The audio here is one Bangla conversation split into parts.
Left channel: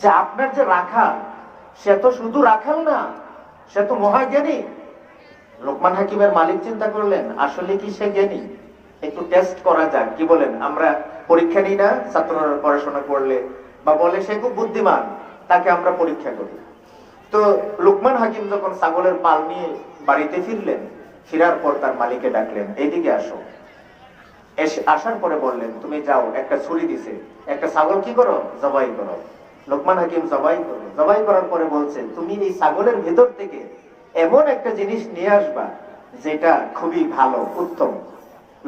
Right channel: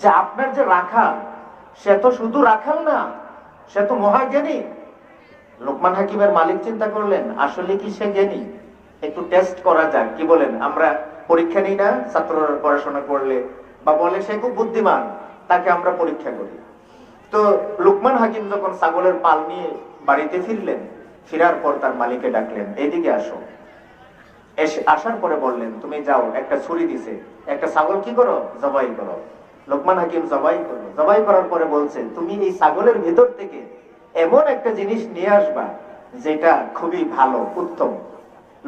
যে আপনার যে রাখাল, সে তো শুধু রাখাল না, সে তো মহাজ্ঞানী। লোকমান হাকিমের মালিক চিন্তা করলেন, আসলে কি সে জ্ঞানী? একটু টেস্ট করা যাক, কি বলেন? আমরা পরীক্ষা নিই না ছাত্ররা পড়াশোনা করলে, বা বলে সে খুব বুদ্ধিমান, তাকে আমরা পরীক্ষা করি। তো লোকমান হাকিম যখন ছাগলের পাল নিয়ে বাড়িতে ফিরলেন, ফেরার পর তার মালিককে ডাকলেন, এইদিকে আসো। আসার পরে বললেন, তুমি যাও, একটা ছুরি দিছে, একটা ছাগল কি করো, জবাই করো। লোকমান হাকিম জবাই করলো। জবাই করার পরে বলছেন, তুমি এই ছাগলের ভেতর থেকে এমন একটা জিনিস নিয়ে আসবা যেটা খুবই ভালো, উত্তম।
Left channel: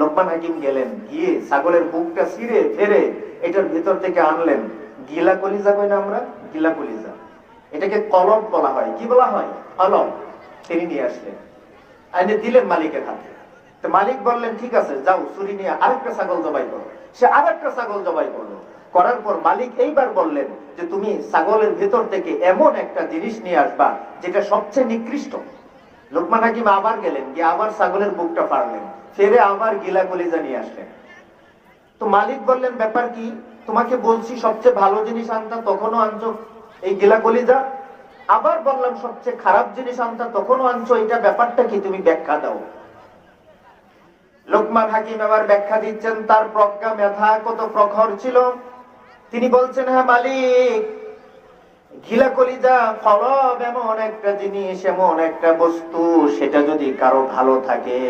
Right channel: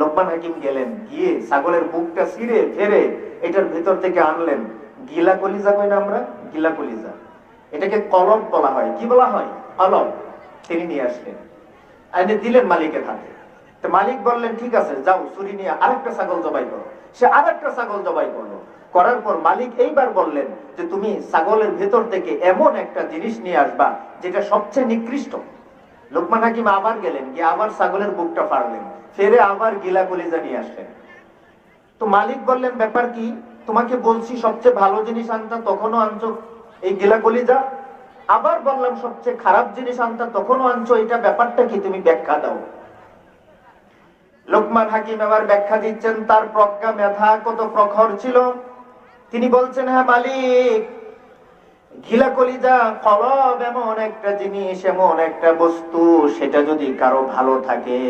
লোকমান হাকিম গেলেন, গিয়ে ছাগলের বুকটা ছিঁড়ে ফেরে এটার ভেতর থেকে আনলেন গিলা কলিজা, কই না আমরা, গিলা কলিজা। এটাকে কলম বলা হয়। কি বলা হয়? কলম। তিনি নিয়ে আসলেন, এনে দিলেন মালিকের হাতে। তো মালিক বললেন, ঠিক আছে, যাও, ছুরি নিয়ে আরেকটা ছাগল জবাই করো। সে আরেকটা ছাগল জবাই করলো। করার পর মালিক এইবার বললেন যে, তুমি ছাগলের ভেতর থেকে এমন একটা জিনিস নিয়ে আসবা যেটা সবচেয়ে নিকৃষ্ট। লোকমান হাকিম আবার গেলেন, গিয়ে আবার ছাগলের বুকটা ফাড়লেন, ফেরে আবার গিলা কলিজা নিয়ে আসলেন। তো মালিক বললেন, ব্যাপার কি? তোমাকে বলছি সবচেয়ে ভালো জিনিস আনতা, তখনও আনছো এই গিলা কলিজা। আবার বললাম সবচেয়ে খারাপ জিনিস আনতা, তখনও আনছো, এটা ব্যাপারটা কি? তুমি ব্যাখ্যা দাও। লোকমান হাকিম আবার ব্যাখ্যা দিচ্ছেন, তার প্রজ্ঞা মেধা কত প্রখর ছিল। তিনি বলছেন, হ্যাঁ মালিক, ঘিলা কলিজা কলব এমন একটা জিনিস, এমন একটা বস্তু, সেটা যদি কারো ভালো থাকে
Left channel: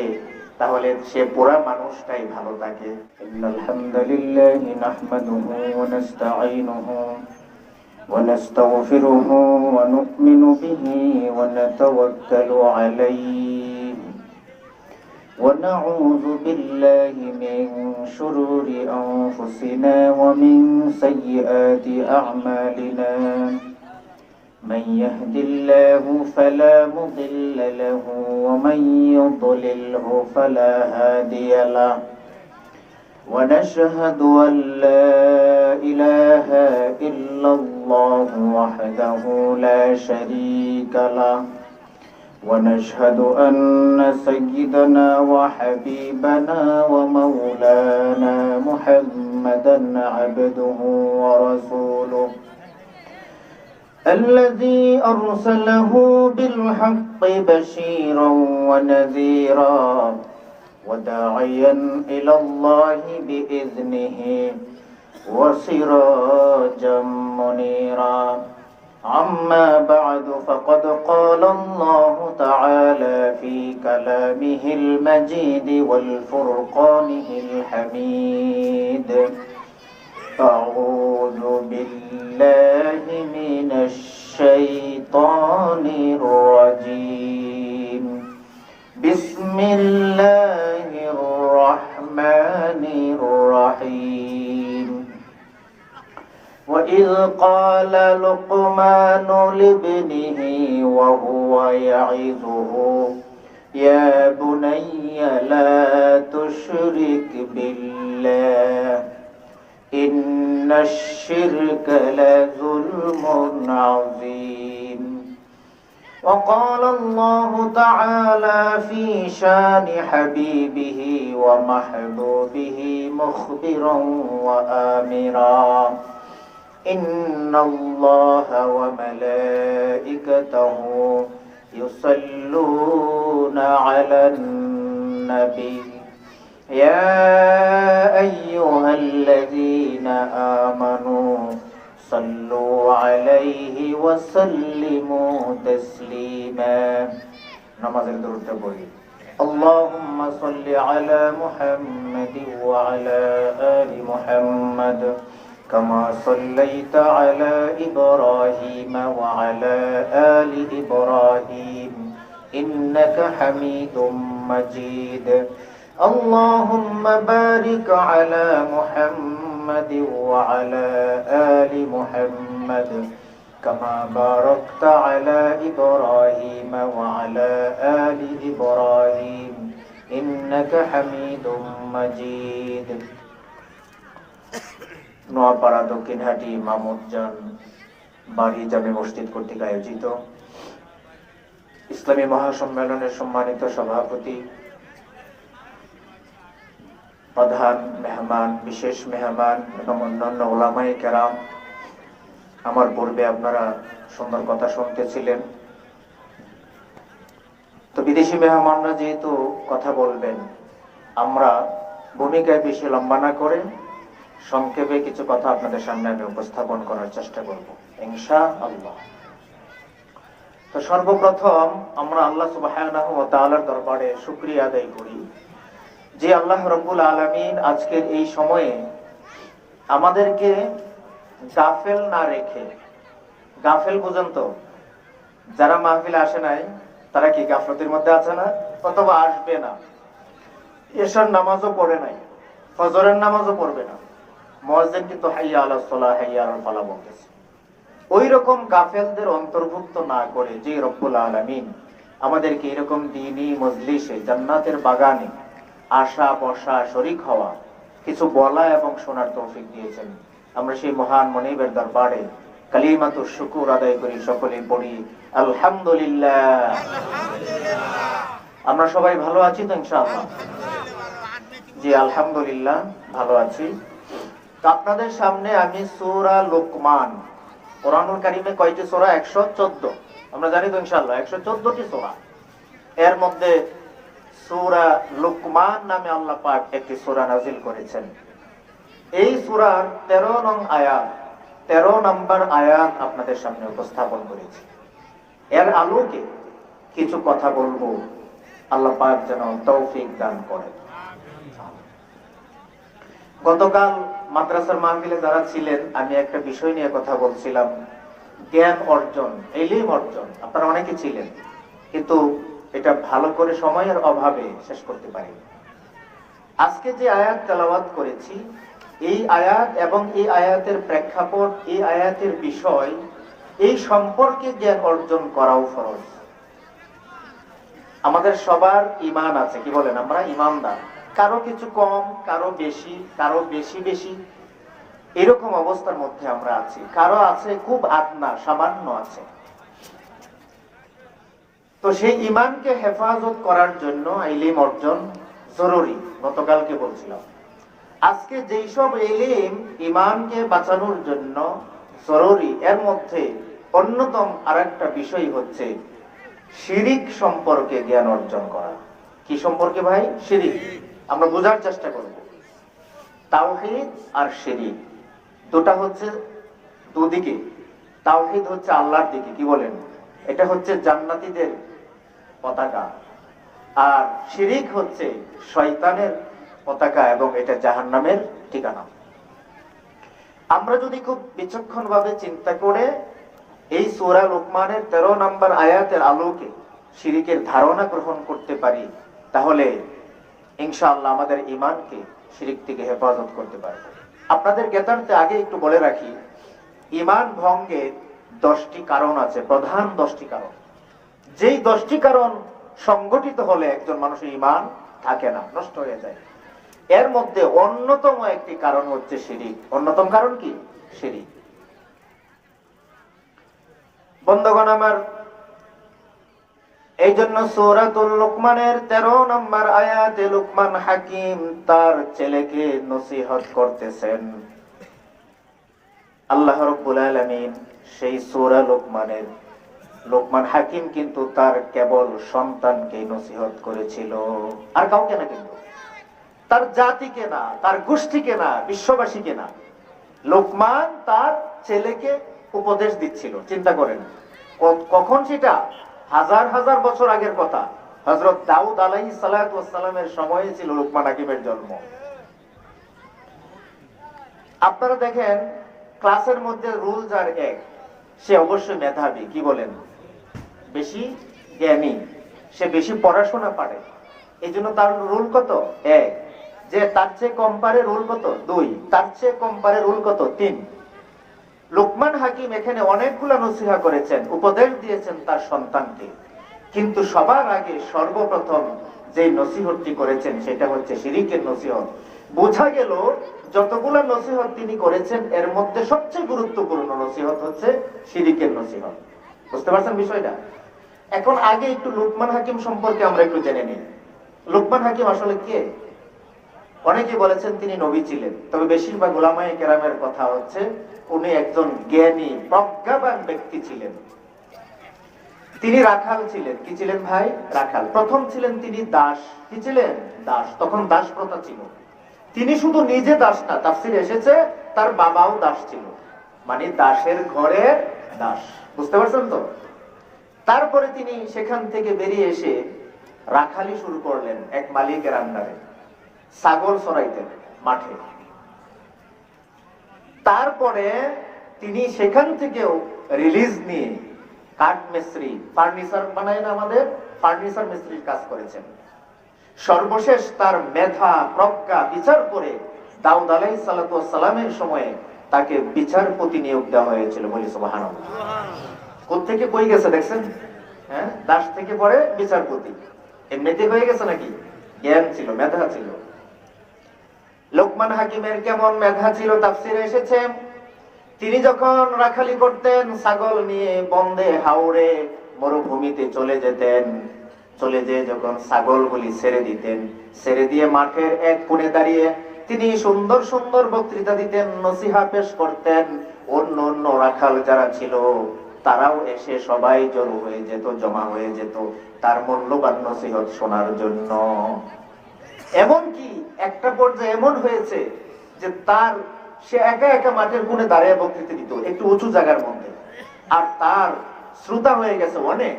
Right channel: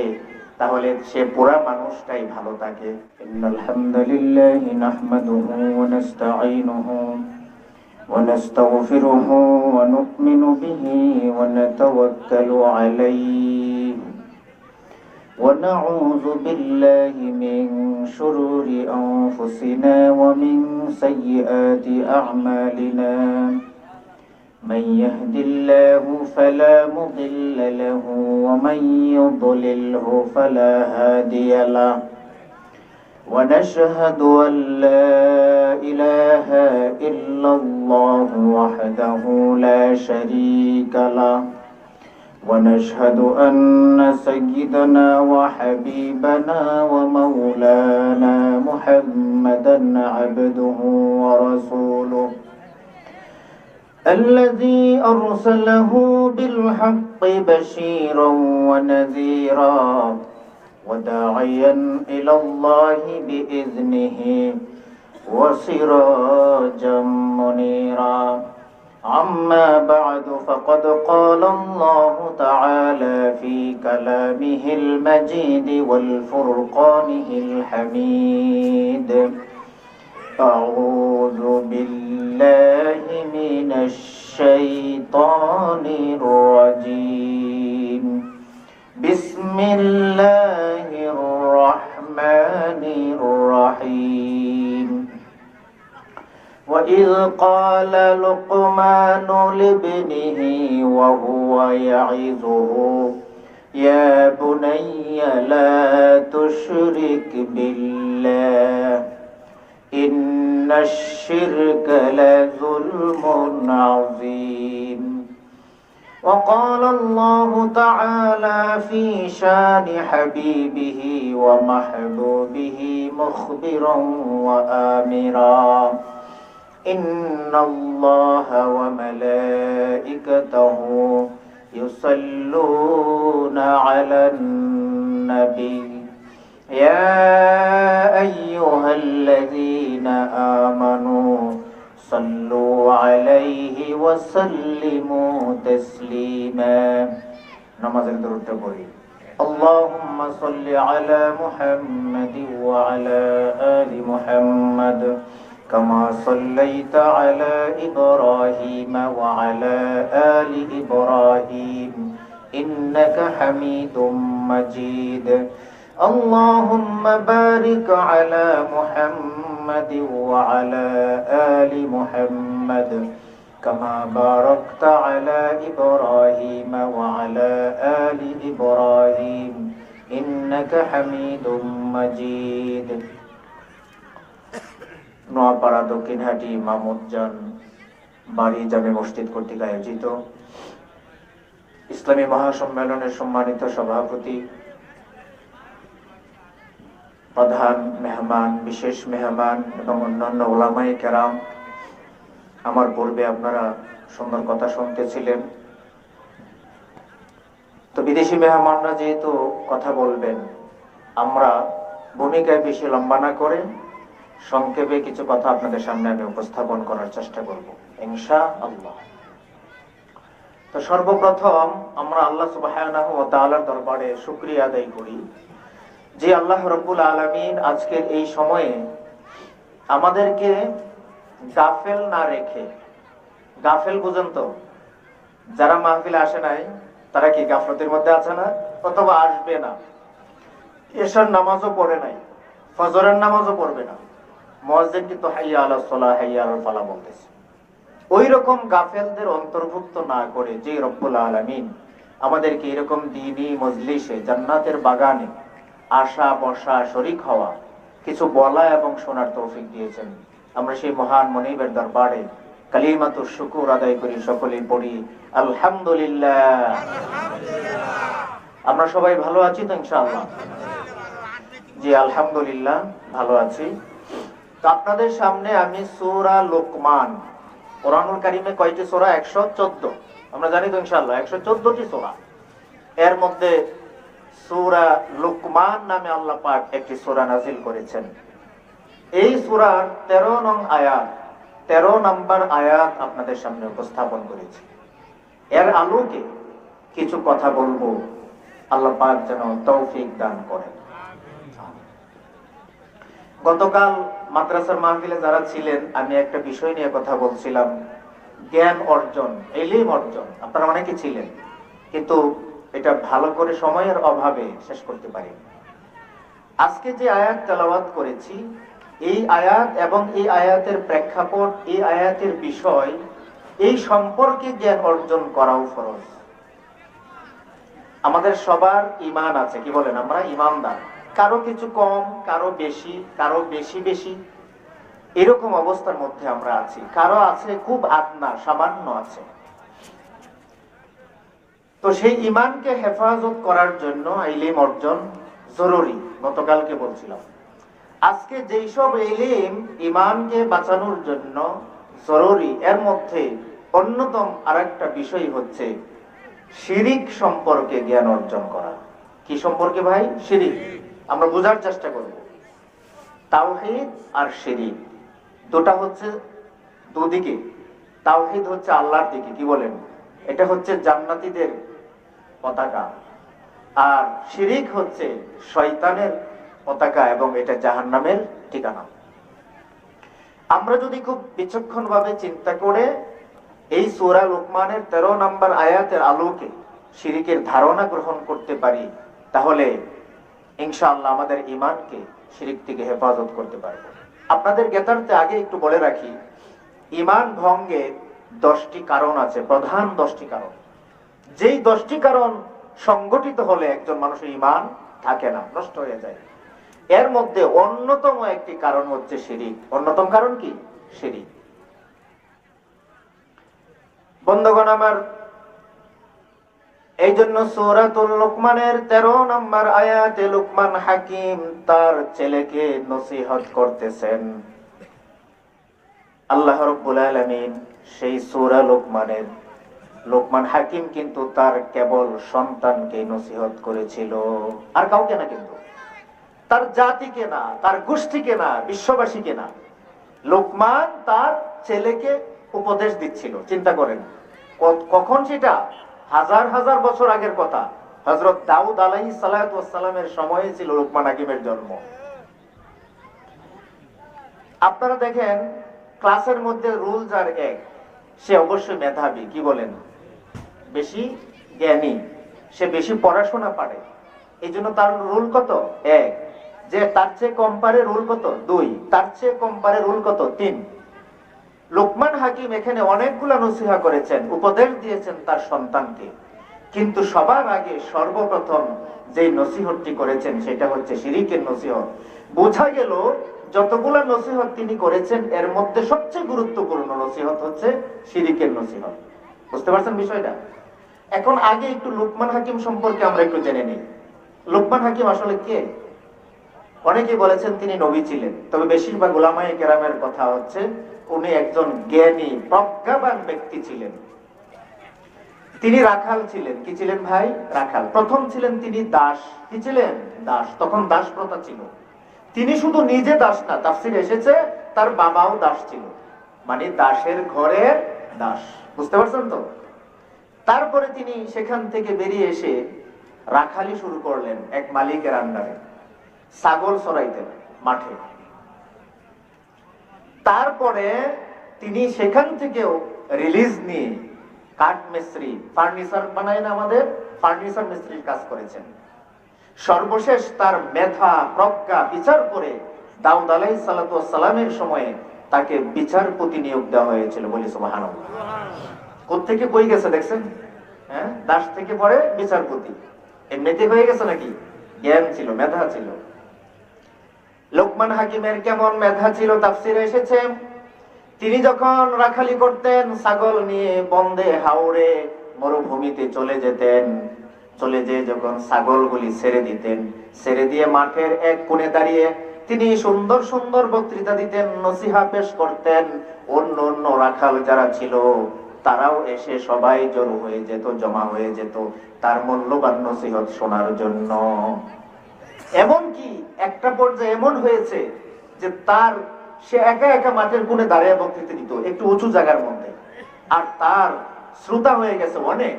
তাহলে সে পুরা মানুষটাই ভালো থাকে। ইন্নাল হামদুলিল্লাহি নাহমাদুহু ওয়া নাস্তাঈনুহু ওয়া নাস্তাগফিরুহু ওয়া নু'মিনু বিহি ওয়া নাতাওয়াক্কালু আলাইহি ونعوذ بالله من شرور أنفسنا ومن سيئات أعمالنا من يهد الله فلا مضل له ومن يضلله فلا هادي له ونشهد أن لا إله إلا الله وحده لا شريك له ونشهد أن سيدنا وحبيبنا ومولانا محمدا عبده ورسوله الذي أرسله بالحق بشيرا ونذيرا وداعيا إلى الله بإذنه وسراجا منيرا أما بعد فقد قال الله تعالى في كلامه المجيد والفرقانه الحميد أعوذ بالله من الشيطان الرجيم بسم الله الرحمن الرحيم وإذ قال لقمان لابنه وهو يعظه يا بني لا تشرك بالله إن الشرك لظلم عظيم وقال الله تعالى في شان حبيبه ومحبوبه مخبرا وآمرا إن الله وملائكته يصلون على النبي يا أيها الذين آمنوا صلوا عليه وسلموا تسليما نماز درود بوي اللهم صل على محمد وعلى آل محمد كما صليت على إبراهيم وعلى آل إبراهيم إنك حميد مجيد اللهم بارك على محمد وعلى آل محمد كما باركت على إبراهيم وعلى آل إبراهيم إنك حميد مجيد নোয়াপাড়া দক্ষিণহাটি মামুদজান বাড়ি জামে মসজিদ কর্তৃক আয়োজিত ইসলামী মহাসম্মেলনের সম্মানিত সভাপতি, প্রধান মেহমান, বিশেষ মেহমান এবং অন্যান্য ওলামায়ে কেরাম, আমার পূর্বে আপনারা সুন্দর কথা শুনতেছিলেন। তো বিদেশি মেহমানরা যেহেতু কথা বলবেন, আমরা ভূমিকায় বেশি লম্বা না করে সংক্ষেপে কিছু কথা আপনাদের সামনে আমি উপস্থাপন করার চেষ্টা করব ইনশাআল্লাহ। তো সর্বপ্রথম আমরা আল্লাহ সুবহানাহু ওয়া তাআলার দরবারে শুকরিয়া আদায় করি যে আল্লাহ রাব্বুল আলামিন আজকের এই সময়ে আমাদেরকে গাফেল না রেখে, গাফেল বুঝেন তো, যারা মাহফিলে আসে নাই তারা কি গাফলতির মধ্যে আছে না, অথবা আসবে না, এশার নামাজও পড়ে নাই, ফজরের নামাজও পড়বে না, মুয়াজ্জিন কিন্তু হাইয়া আলাস সালাহ হাইয়া আলাল ফালাহ বলতেছে। ওই রকম গাফেলদের অন্তর্ভুক্ত না করে যে রব্বুল আলামিন আমাদেরকে এরকম দ্বীনি মজলিসে, জান্নাতের বাগানে আসা বসা, শরীক হওয়া, কিছু বলা এবং শোনার তৌফিক দিয়েছেন, আমরা সেই মহান মনিবের দরবারে কালিমাতুশ শুকর আদায় করি, সকলে পড়ি আলহামদুলিল্লাহ। আমরা সবাই ভালো আছি তো ইনশাআল্লাহ? জি আলহামদুলিল্লাহ ভালো আছি। তো আপনাদের সামনে আমি সূরা লোকমান, কোরআনুল কারীমে কয়টি সূরা? 114। আমরা জানি তো ইনশাআল্লাহ 114টি সূরা। এর মধ্যে সূরা লোকমান নামে আল্লাহ পাক একটি সূরা নাযিল করেছেন। এই সূরার 13 নম্বর আয়াত আপনাদের সামনে উপস্থাপন করেছি। এর আলোকে কিছু কথা বলবো, আল্লাহ পাক যেন তৌফিক দান করেন। গতকাল মাদ্রাসার মাহফিলে যারা ছিলেন, আমি একটা বিষয় নিয়ে কথা বলছিলাম, জ্ঞান অর্জন, ইলম অর্জন। আপনারা অনেকে ছিলেন, কিন্তু এটা ভালো করে সময়ের অভাবে শেষ করতে পারি। আজকে যে আয়াত তেলাওয়াত করেছি, এই আয়াত এবং এই আয়াতের প্রেক্ষাপট, এই আয়াতের বিষয়, এই সম্পর্কে জ্ঞান অর্জন করাও ফরজ। আমাদের সবার ঈমান আছে, কি বলেন? আমরা ঈমানদার, কারো কিছু কম, কারো বেশি, কারো বেশি বেশি, এরকম অবস্থার মধ্যে আমরা আছি। কারো আছে খুব আদনা, সামান্য আছে। তো সেই ঈমানকে হেফাজত করার জন্য ইলম অর্জন জরুরি। গতকালকে বলছিলাম, আজকে যেই সব ইলম ঈমানকে বাঁচানোর জন্য জরুরি, এর মধ্যে অন্যতম আরেকটা বিষয় হচ্ছে শিরিক সম্পর্কে জ্ঞান অর্জন করা। কি সম্পর্কে ভাই? শিরিক। আমরা বোঝার চেষ্টা করব। তাওহীদ আর শিরিক দুটা হচ্ছে দুদিকে। তাওহীদ হচ্ছে আল্লাহর দিকে, কি বলেন? এটা হচ্ছে জান্নাতীদের পতাকা, আর শিরিক হচ্ছে শয়তানের পতাকা এবং এটা জাহান্নামের ঠিকানা। আমরা যদি খুব বিচক্ষণ ভাবে চিন্তা করে এই সূরা লোকমানের 13 নম্বর আয়াতের আলোকে শিরিকের ধারণা গ্রহণ করতে পারি, তাহলে ইনশাআল্লাহ আমাদের ঈমানকে শিরিক থেকে হেফাজত করতে পারব। আপনাদের জ্ঞাতার্থে আগে একটু বলে রাখি, ঈমান ভঙ্গের 10টি কারণ আছে, প্রধান 10টি কারণ। যেই 10টি কারণ সংগঠিত হলে একজন মানুষের ঈমান থাকে না, নষ্ট হয়ে যায়। এর মধ্যে অন্যতম একটি কারণ হচ্ছে শিরিক। অন্যতম কারণ কি? শিরিক। বন্ধুগণ আমার, এই জন্য সূরাতুল লোকমানের 13 নম্বর আয়াতে লোকমান হাকিম তার ছেলেকে নসিহত করতেছেন। আল্লাহ রাব্বুল আলামিন সেই সূরা লোকমানের, লোকমান হাকিম কিন্তু তার কেবল সন্তানকে নসিহত করেছিল, আর কাউকে না, কিন্তু তার জাতিকে না, তার গোষ্ঠীকে না, বিশ্ববাসীকে না। লোকমান তার ছেলেকে উপদেশ দিচ্ছিল। চিন্তা করেন কখন সেটা? হাজার হাজার বছর আগের কথা। হযরত দাউদ আলাইহিস সালাতু ওয়াস সালামের সময়ে ছিল লোকমান হাকিমের জন্ম। আপনারা দেখেন ক্লাসের মধ্যে রুল যার এক, সে অবশ্যই মেধাবী, কি বলেন? বেশি জ্ঞানী, সে বেশি পড়াশোনা পারে। এই জন্য তার রুল কত? 1। যে তার চেয়ে কম পারে রুল কত? 2। তার চেয়ে কম পারে রুল কত? 3। লোকমান হাকিম এখানে অনেকগুলো নসিহত করেছেন, উপদেশ দিয়েছেন তার সন্তানকে, কিন্তু সবার আগে সর্বপ্রথম যে নসিহতটি করেছেন সেটা হচ্ছে শিরিকের নসিহত। বোঝা গেল যতগুলো নসিহত তিনি করেছেন এর মধ্যে সবচেয়ে গুরুত্বপূর্ণ নসিহত হচ্ছে শিরিকের নসিহত। বুঝতে পারছেন বিষয়টা? এখন আগে একটু লোকমান হাকিম সম্পর্কে আমরা একটু জেনে নিই। লোকমান হাকিম আসলে কে? অনেকে বলেছেন তিনি নবী ছিলেন, তবে বেশিরভাগ উলামায়ে কেরামের কথা হচ্ছে উনি একজন জ্ঞানী প্রজ্ঞাবান ব্যক্তি ছিলেন। তিনি রাখাল ছিলেন। কি ছিলেন ভাই? রাখাল। প্রথম ছিলেন তিনি দাস। কি ছিলেন? দাস। তখন দাস প্রথা ছিল। তিনি শুধু নিজে দাস না, তাফসিরে এসেছে তার বাবাও দাস ছিল, মানে দাসের ঘরে দাস। বুঝতে পারছেন তো? তারপরে তিনি সেখান থেকে বেরিয়ে এসে রাখালি শুরু করলেন এক মালিকের আন্ডারে, ছাগল চড়াইতেন মাঠে। তারপরে তিনি সেখান থেকেও রিলিজ নিয়ে কাঠ মিস্ত্রি, ফার্নিচার বানায় না আমাদের, ফার্নিচার মিস্ত্রির কাজ করেছেন। সর্বশেষ তার মেধা প্রজ্ঞা বিচার করে দাউদ আলাইহিস সালাতু ওয়াস সালামের সময়ে তাকে বিচারপতি নিয়োগ দেওয়া হয়েছিল। বলি সুবহানাল্লাহ। কোত্থেকে কই গেছে দেখছেন? হ্যাঁ, দাস থেকে পরে বিচারপতি। এমনিতে হয়ে গেছে নাকি? জ্ঞান ছিল, মেধা ছিল। লোকমান হাকিমের কেমন মেধা ছিল তাফসিরে এসেছে, তিনি যখন রাখালি করতেন ছাগল নিয়ে বন্দে হাওড়ে মরুভূমিতে চলে যেতেন, চলে যেয়ে যখন ছাগলগুলি ছেড়ে দিতেন, ছেড়ে দিয়ে মাঠের এক কোণে দাঁড়িয়ে তিনি সুন্দর সুন্দর বক্তৃতা দিতেন, নসিহা পেশ করতেন। অন্য অন্য রাখাল যারা ছিল তারাও এসে সবাই জড়ো হয়ে যেত, জমা হয়ে যেত তার মূল্যবান নসিহত শোনার জন্য। এমনকি একটা পর্যায়ে এমন হয়েছে যে সে একা একা মাঠের কোণে দাঁড়িয়ে বক্তৃতা দিত একটু উঁচু জায়গার মধ্যে, আর তার শ্রোতা হয়ে গেছে অনেক।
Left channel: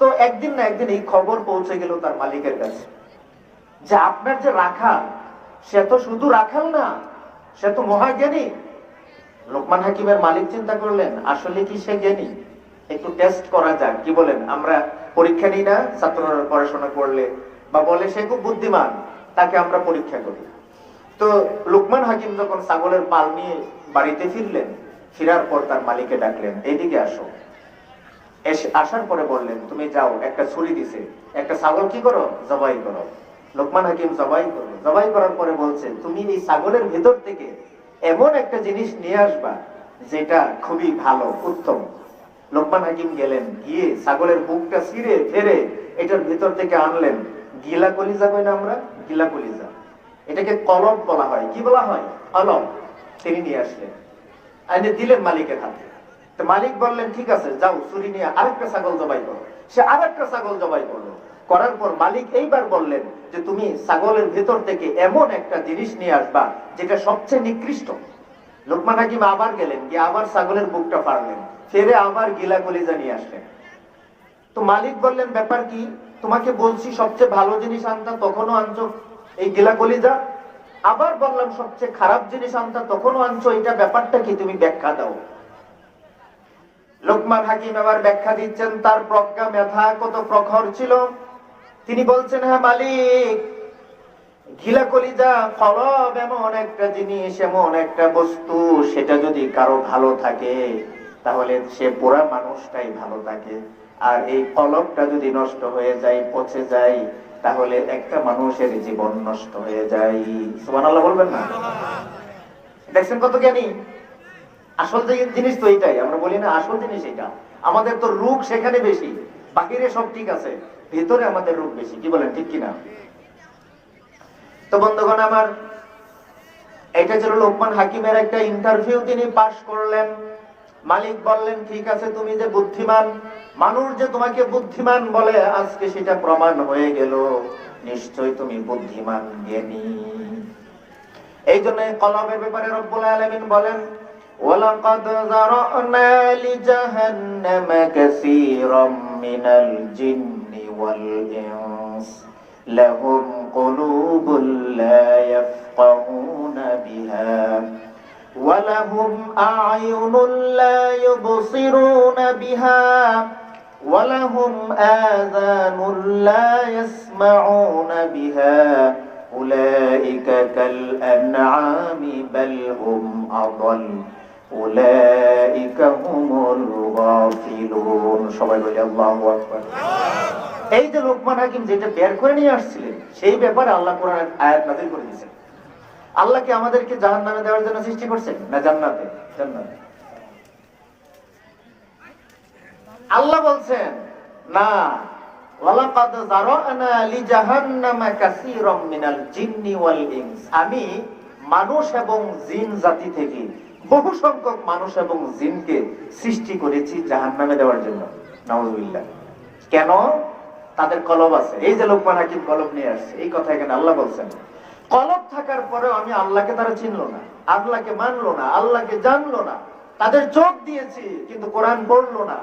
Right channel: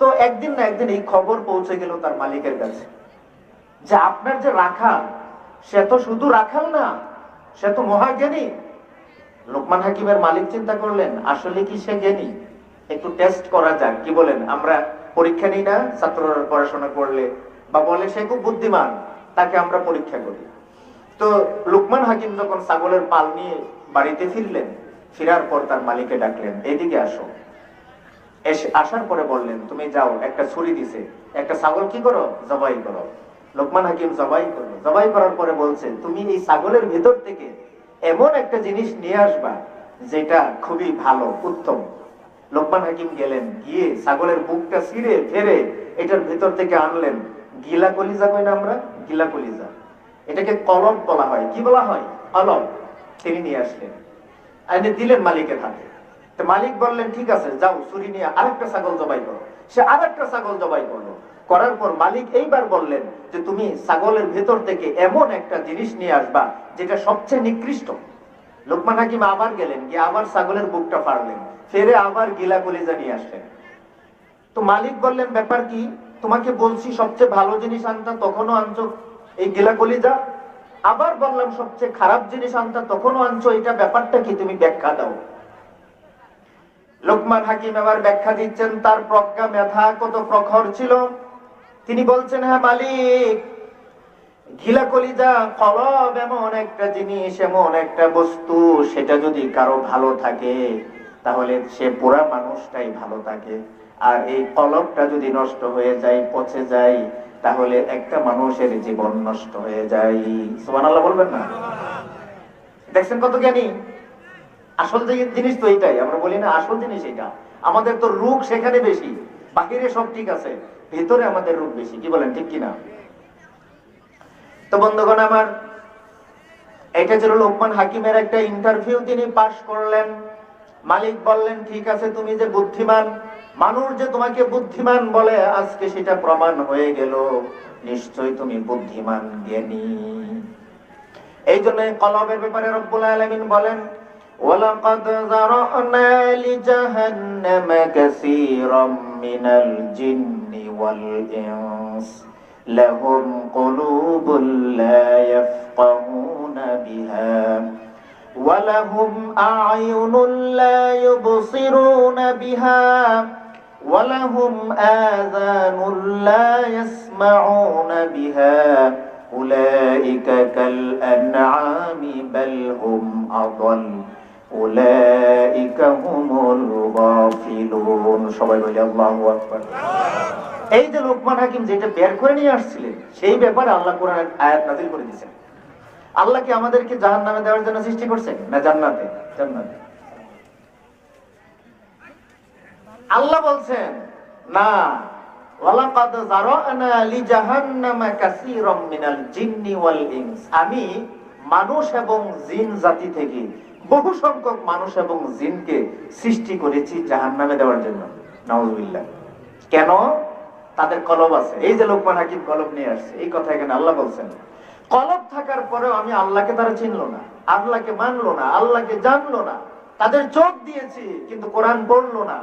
তো একদিন না একদিন এই খবর পৌঁছে গেল তার মালিকের কাছে যে আপনার যে রাখাল, সে তো শুধু রাখাল না, সে তো মহাজ্ঞানী। লোকমান হাকিমের মালিক চিন্তা করলেন আসলে কি সে জ্ঞানী? একটু টেস্ট করা যাক। কি বলেন? আমরা পরীক্ষা নিই না ছাত্ররা পড়াশোনা করলে, বা বলে সে খুব বুদ্ধিমান, তাকে আমরা পরীক্ষা করি। তো লোকমান হাকিম যখন ছাগলের পাল নিয়ে বাড়িতে ফিরলেন, ফেরার পর তার মালিককে ডাকলেন, এদিকে আসো। আসার পরে বললেন, তুমি যাও, একটা ছুরি দিছে, একটা ছাগল কি করো? জবাই করো। লোকমান হাকিম জবাই করলো। জবাই করার পরে বলছেন, তুমি এই ছাগলের ভেতর থেকে এমন একটা জিনিস নিয়ে আসবা যেটা খুবই ভালো, উত্তম। লোকমান হাকিম গেলেন, গিয়ে ছাগলের বুকটা ছিঁড়ে ফেরে এটার ভেতর থেকে আনলেন গিলা কলিজা। কই না আমরা? গিলা কলিজা। এটাকে কলব বলা হয়। কি বলা হয়? কলব। তিনি নিয়ে আসলেন, এনে দিলেন মালিকের হাতে। তো মালিক বললেন, ঠিক আছে, যাও ছুরি নিয়ে আরেকটা ছাগল জবাই করো। সে আরেকটা ছাগল জবাই করলো। করার পর মালিক এইবার বললেন যে তুমি ছাগলের ভেতর থেকে এমন একটা জিনিস নিয়ে আসবা যেটা সবচেয়ে নিকৃষ্ট। লোকমান হাকিম আবার গেলেন, গিয়ে আবার ছাগলের বুকটা ফাড়লেন, ফেরে আবার গিলা কলিজা নিয়ে আসলেন। তো মালিক বললেন, ব্যাপার কি? তোমাকে বলছি সবচেয়ে ভালো জিনিস আনতা, তখনও আনছো এই গিলা কলিজা। আবার বললাম সবচেয়ে খারাপ জিনিস আনতা, তখনও আনছো, এটা ব্যাপারটা কি? তুমি ব্যাখ্যা দাও। লোকমান হাকিম আবার ব্যাখ্যা দিচ্ছেন, তার প্রজ্ঞা মেধা কত প্রখর ছিল। তিনি বলছেন, হ্যাঁ মালিক, গিলা কলিজা কলব এমন একটা জিনিস, এমন একটা বস্তু, সেটা যদি কারো ভালো থাকে তাহলে সে পুরা মানুষটাই ভালো থাকে। আর এই কলবটা যদি নষ্ট হয়ে যায়, পচে যায়, তাহলে একটা মানুষের জীবন নষ্ট হয়ে যায়। সুবহানাল্লাহ বলবেন না? দেখছেন কত জ্ঞানী। আসল জিনিস তো এইটাই, আমরা বলি না আসল জিনিস এটা। আমাদের তো রূপ সেখানে বেশি, বাহিরে সব ঠিক আছে, ভেতরে আমাদের রূপ বেশি। কি বলেন, ঠিক কিনা? তো বন্ধুগণ আমার, এটা ছিল লোকমান হাকিমের একটা ইন্টারভিউ, তিনি পাশ করলেন। মালিক বললেন, ঠিক আছে, তুমি যে বুদ্ধিমান, মানুষ যে তোমাকে বুদ্ধিমান বলে আজকে সেটা প্রমাণ হয়ে গেল, নিশ্চয় তুমি বুদ্ধিমান, জ্ঞানী। এই জন্য কলবের ব্যাপারে রব্বুল আলামিন বলেন, ওয়ালাকাদ যারানা লিজাহান্নামা কাসীরাম মিনাল জিন্নি ওয়াল ইনস লাহুম কুলুবুন লা ইয়াফকাহুনা বিহা ওয়া লাহুম আ'য়ুনুন লা ইউবসিরুনা বিহা ওয়া লাহুম আযানুন লা ইয়াসমাউনা বিহা উলাইকা কাল আনআমি বাল হুম আদাল উলাইকা হুমুল গাফিলুন। সবাই বলে আল্লাহু আকবার। এই যে লোকমান হাকিম যেটা বের করে নিয়ে আসছিলেন, সেই ব্যাপারে আল্লাহ কোরআনের আয়াত নাযিল করে দিয়েছেন। আল্লাহ কি আমাদেরকে জাহান্নামে দেওয়ার জন্য সৃষ্টি করছেন, না জান্নাতে? জান্নাতে। আল্লাহ বলছেন না, ওয়ালাকাদ যারানা লিজাহান্নামা কাসীরাম মিনাল জিন্নি ওয়াল ইনস, আমি মানুষ এবং জিন জাতি থেকে বহু সংখ্যক মানুষ এবং জিনকে সৃষ্টি করেছি জাহান্নামে দেওয়ার জন্য। নাউযুবিল্লাহ। কেন? তাদের কলব আছে। এই যে লোকমান হাকিম কলব নিয়ে আসছে, এই কথা এখানে আল্লাহ বলছেন। কলব থাকার পরেও আমি আল্লাহকে তারা চিনলো না, আল্লাহকে মানলো না, আল্লাহকে জানলো না। তাদের চোখ দিয়েছি কিন্তু কোরআন পড়লো না।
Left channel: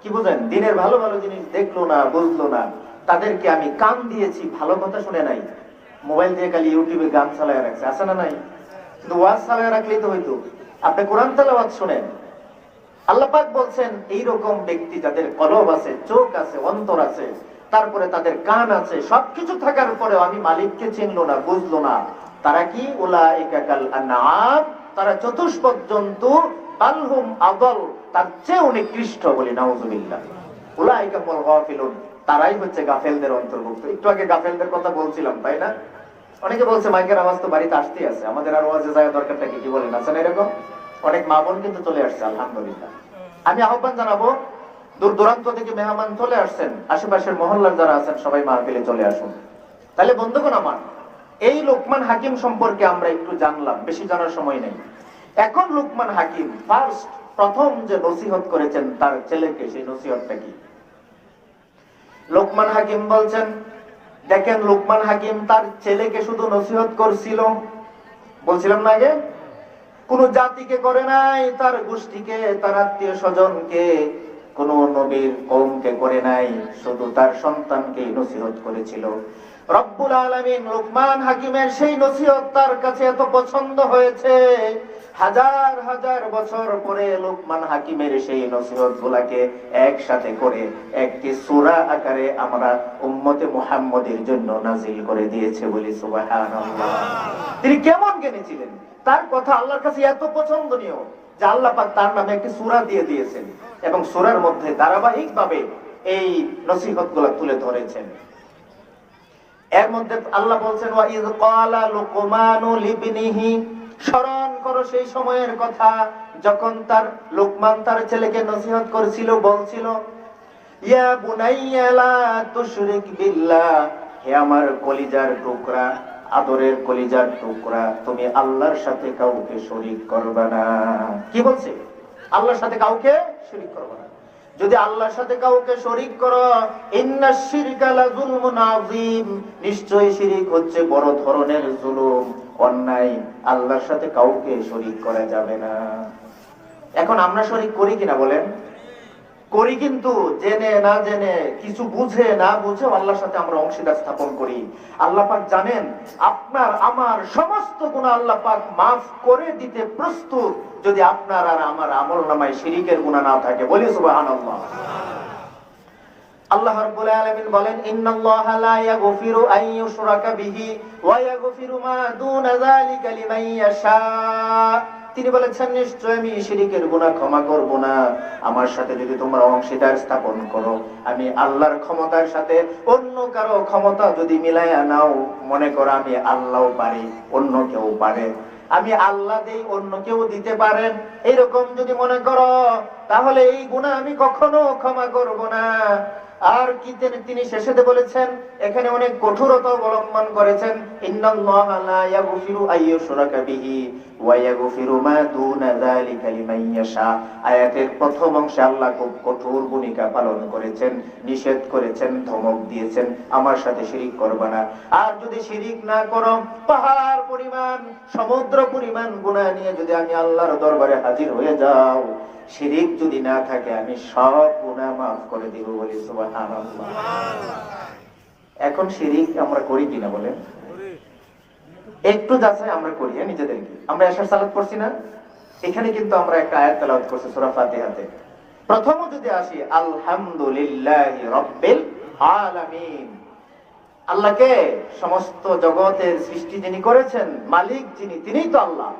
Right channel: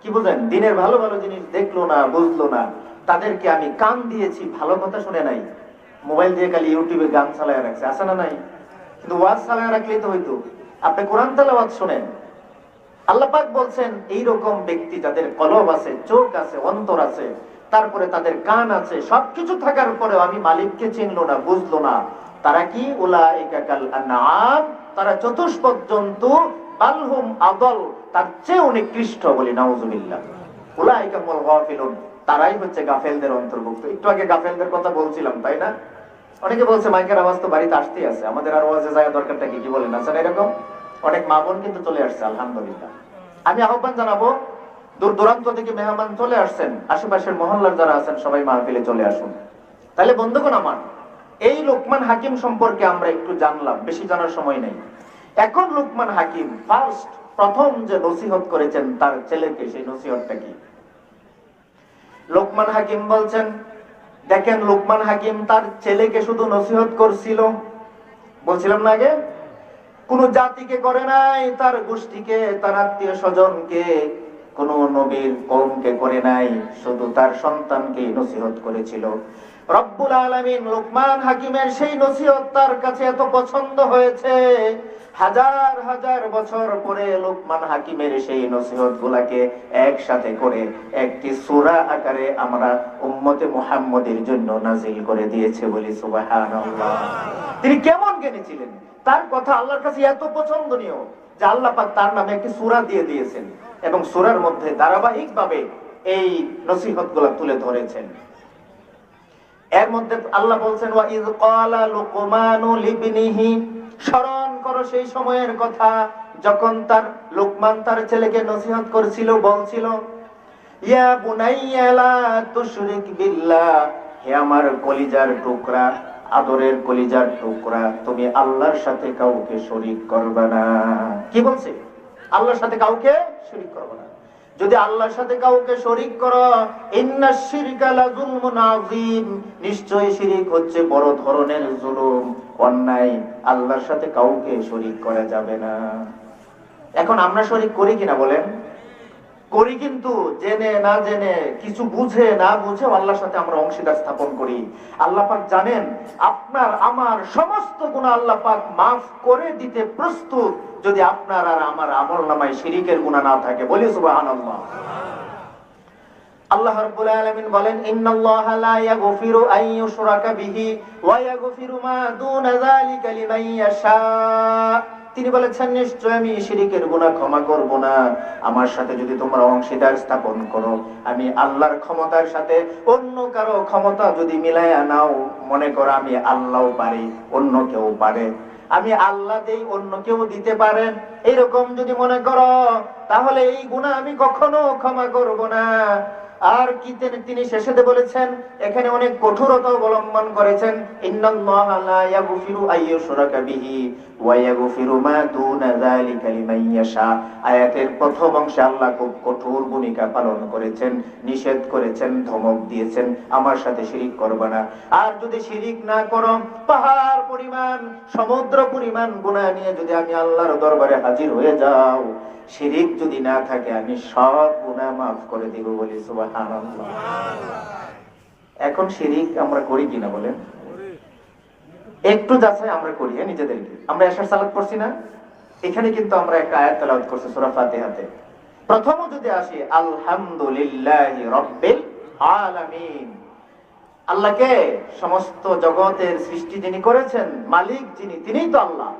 কি বুঝেন? দিনের ভালো ভালো জিনিস দেখলো না, বুঝলো না। তাদেরকে আমি কান দিয়েছি, ভালো কথা শুনে নাই। মোবাইল দিয়ে খালি ইউটিউবে গান চালায় রাখছে, আছে না নাই? কিন্তু ওয়াজ চালায় রাখলেই তো হইতো। আপনি কোরআন তেলাওয়াত শুনেন। আল্লাহ পাক বলছেন এইরকম ব্যক্তি যাদের কলব আছে, চোখ আছে, অন্তর আছে, তারপরে তাদের কান আছে, সবকিছু থাকার পরে আমি মালিককে চিনলো না, বুঝলো না, তারা কি উলাইকা কাল আনআম, তারা চতুষ্পদ জন্তু, বালহুম আদাল, তার চেয়ে নিকৃষ্ট। বলি নাউযুবিল্লাহ। উলাইকা হুমুল গাফিলুন, তারাই হচ্ছে গাফেলদের অন্তর্ভুক্ত। একটু আগে গাফেলদের কথা বলছিলাম, তাই না? অনেকে বলছে মাইকের আওয়াজ তো বাড়িতে আসতেই আছে, আমাদের আর ওয়াজে যাওয়া দরকারটা কি? কি বলেন? আছেন এরকম অনেক মা বোন কিন্তু চলে আসছে, আলহামদুলিল্লাহ। আমি আহ্বান জানাবো, দূর দূরান্ত থেকে মেহমান চলে আসছেন, আশেপাশের মহল্লার যারা আছেন সবাই মাহফিলে চলে আসুন। তাহলে বন্ধুগণ আমার, এই লোকমান হাকিম সম্পর্কে আমরা একটু জানলাম, বেশি জানার সময় নেই। এখন লোকমান হাকিম প্রথম যে নসিহত করেছেন তার ছেলেকে, সেই নসিহতটা কি? লোকমান হাকিম বলছেন, দেখেন লোকমান হাকিম তার ছেলেকে শুধু নসিহত করছিল, বলছিলাম না আগে, কোন জাতিকে করে নাই, তার গোষ্ঠীকে, তার আত্মীয় স্বজনকে, কোন নবীর কওমকে করে নাই, শুধু তার সন্তানকে নসিহত করেছিল। রব্বুল আলামিন লোকমান হাকিমের সেই নসিহত তার কাছে এত পছন্দ হয়েছে, হাজার হাজার বছর পরে লোকমান হাকিমের সেই নসিহত গুলাকে একসাথে করে একটি সূরা আকারে আমরা উম্মতে মুহাম্মদের জন্য নাযিল করে দিয়েছে। বলি সুবহানাল্লাহ। তিনি কেমন জ্ঞানী ছিলেন, তার কথা আল্লাহর কাছে এত পছন্দনীয় যে আল্লাহ পাক তার নামে একটি সূরা দিয়ে দিয়েছেন এবং সূরার মধ্যে ধারাবাহিকভাবে এই নসিহতগুলো তুলে ধরেছেন। এর মধ্যে আল্লাহ বলছেন, ওয়া ইয ক্বালা লুকমানু লিবনিহি, স্মরণ করো সেই সময়ের কথা যখন তার লোকমান তার ছেলেকে নসিহত করছিল, বলছিল, ইয়া বুনাইয়া লা তুশরিক বিল্লাহ, হে আমার কলিজার টুকরা, আদরের কলিজার টুকরা, তুমি আল্লাহর সাথে কাউকে শরীক করবে না। কি বলছে? আল্লাহর সাথে কাউকে শরীক করবে না। যদি আল্লাহর সাথে কাউকে শরীক করো, ইন্নাশ শিরকা লাযুলমুন আযীম, নিশ্চয়ই শিরক হচ্ছে বড় ধরনের জুলুম, অন্যায়। আল্লাহর সাথে কাউকে শরীক করা যাবে না। এখন আমরা শরীক করি কিনা বলেন? করি, কিন্তু জেনে না জেনে, কিছু বুঝে না বুঝে আল্লাহর সাথে আমরা অংশীদার স্থাপন করি। আল্লাহ পাক জানেন আপনার আমার সমস্ত গুনাহ আল্লাহ পাক মাফ করে দিতে প্রস্তুত, যদি আপনার আর আমার আমলনামায় শিরকের গুনাহ না থাকে। বলি সুবহানাল্লাহ। আল্লাহ রাব্বুল আলামিন বলেন, ইন্নাল্লাহা লা ইয়াগফিরু আন ইউশরাকা বিহি ওয়া ইয়াগফিরু মা দুনা যালিকা লিমান ইয়াশা। তিনি বলেছেন, নিশ্চয় আমি শিরকের গুনাহ ক্ষমা করব না। আমার সাথে যদি তোমরা অংশীদার স্থাপন করো, আমি আল্লাহর ক্ষমতার সাথে অন্য কারো ক্ষমতা যদি মিলাইয়া নাও, মনে করো আমি আল্লাহও পারি, অন্য কেউ পারে, আমি আল্লাহ দেই, অন্য কেউ দিতে পারেন, এরকম যদি মনে করো, তাহলে এই গুনাহ আমি কখনো ক্ষমা করব না। আর কি তিনি শেষে বলেছেন, এখানে অনেক কঠোরতা অবলম্বন করেছেন, ইন্নাল্লাহা লা ইয়াগফিরু আইয়ুশরাকা বিহি ওয়া ইয়াগফিরু মা দুনা যালিকা লিমান ইয়াশা। আয়াতের প্রথম অংশে আল্লাহ খুব কঠোর ভূমিকা পালন করেছেন, নিষেধ করেছেন, ধমক দিয়েছেন, আমার সাথে শিরিক করবে না। আর যদি শিরিক না করো, পাহাড় পরিমাণ, সমুদ্র পরিমাণ গুনাহ নিয়ে যদি আমি আল্লাহর দরবারে হাজির হয়ে যাও, শিরিক যদি না থাকে, আমি সব গুনাহ মাফ করে দিব। বলি সুবহানাল্লাহ। এখন শিরিক আমরা করি কিনা বলেন? একটু যাচাই আমরা করি নিজেদেরকে। আমরা এশার সালাত পড়ছি না, এখানে কিন্তু আমরা একটা আয়াত তেলাওয়াত করছি সূরা ফাতিহাতে। প্রথম যদি আসি, আলহামদুলিল্লাহি রাব্বিল আলামিন, আল্লাহকে, সমস্ত জগতের সৃষ্টি যিনি করেছেন, মালিক যিনি, তিনিই তো আল্লাহ,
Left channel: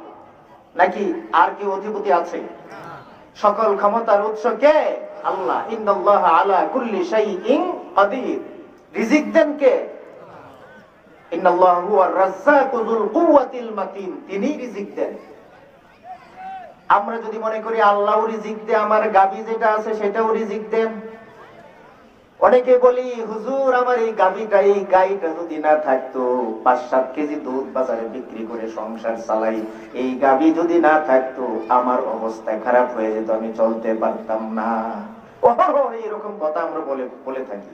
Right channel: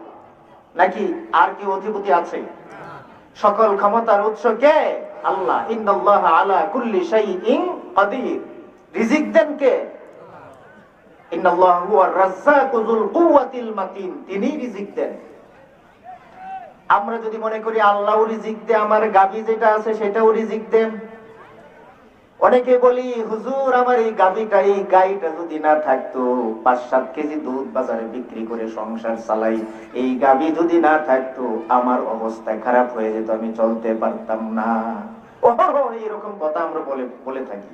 নাকি আর কি অধিপতি আছে? সকল ক্ষমতার উৎস কে? আল্লাহ। ইন্নাল্লাহা আলা কুল্লি শাইইন কাদির, রিজিক দেন কে? ইন্নাল্লাহু হুয়ার রাজ্জাকু যুল কুওয়াতিল মাতিন, তিনি রিজিক দেন। আমরা যদি মনে করি আল্লাহও রিজিক দেয়, আমার গাবি যেটা আছে সেটাও রিজিক দেন, অনেকে বলি হুজুর আমার এই গাইটা যদি না থাকতো 5-7 কেজি দুধ বাজারে বিক্রি করে সংসার চালাই, এই গাভী যদি না থাকতো আমার অবস্থা খারাপ হয়ে যেত, আমি চলতে পারতাম না। এরকম কথা আমরা বলে থাকি,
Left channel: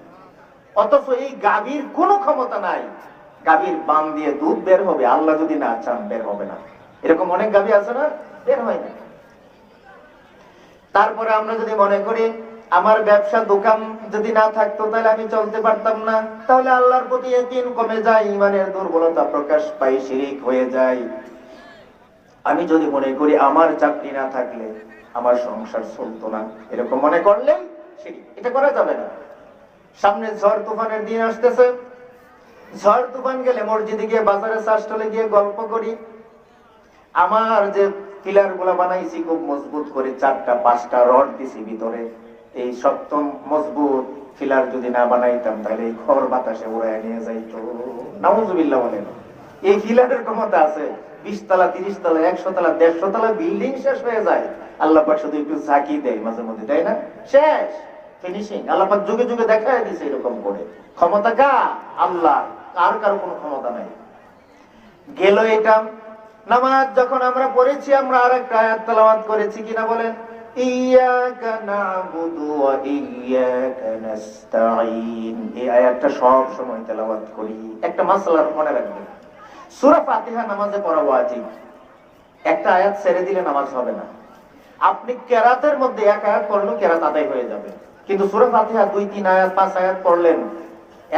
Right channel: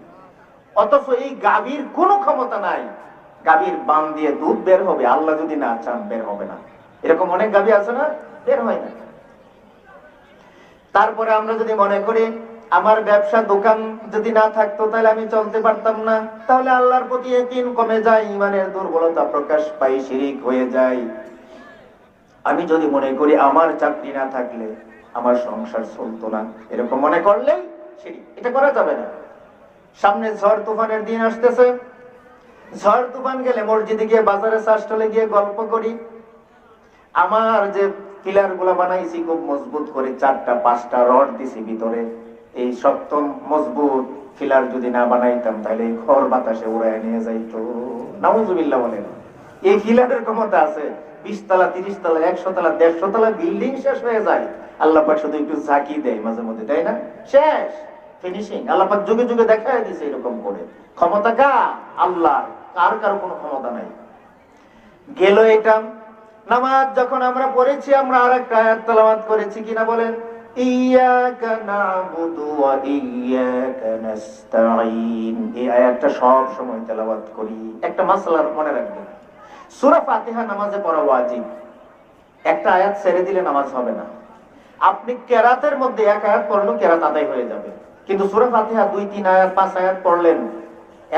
অথচ এই গাভীর কোনো ক্ষমতা নাই। গাভীর বাম দিয়ে দুধ বের হবে, আল্লাহ যদি না চান বের হবে না। এরকম অনেক গাভী আছে না, বের হয় না। তারপরে আমরা যদি মনে করি আমার ব্যবসা দোকান যদি না থাকতো তাহলে আমি চলতে পারতাম না, তাহলে আল্লাহর প্রতি ইয়াকিন কমে যায়, ইমানের দুর্বলতা প্রকাশ পায়, শিরিক হয়ে যায়। আমি যদি মনে করি আমার চাকরি না থাকলে আমার সংসার চলতো না, এরকম মনে করলে শিরিক। এটা করা যাবে না। সামনে ঝড় তুফানের দিন আসতেছে, ঝড় তুফান গেলে মসজিদে গিয়ে, বাজারে চাষটলে গিয়ে গল্প করি, আমার যে পিলার গুলা বানাইছি খুব মজবুত করে, 4টা-5টা রড দিছি ভিতরে, এই শক্ত মজবুত পিলার যদি না বানাইতাম তাহলে এই খড় বাতাসে উড়ায় নিয়ে যাইতো। নাউজুবিল্লাহ বলেন। এই পিলারের ক্ষমতা আছে 20 তলা, 30 তলা, 100 তলা, 150 তলা বিল্ডিং শেষ হয়ে যায়। আল্লাহ পাক শুধু একটু ঝাঁকি দেয় মাঝে মধ্যে, তাই না? শেষ, ফিনিশিং। আল্লাহ পাক যুগে যুগে দেখায় দিছে এরকম করে। ক্ষমতা কার? আল্লাহ। কার কারো কোনো ক্ষমতা নাই। গেল এটা। নামাজ যখন আমরা পড়েছি, আমরা আরেকটা আয়াত তেলাওয়াত করেছি কিনা বলেন? ইয়াকা না'বুদু ওয়া ইয়াকা নাস্তাঈন। এই আয়াতটা সব সময় তেলাওয়াত করি। একটা মাসলা মনে রাখবেন, সূরা ফাতিহা নামাজে পড়া ওয়াজিব। একটা আয়াত ছেড়ে দিলে নামাজ হবে না। আপনি কেরাতের মধ্যে এক আয়াত পড়লেও কেরাত আদায় হয়ে যাবে, কিন্তু সূরা ফাতিহা 2-3 আয়াত 5 আয়াত পড়লেন,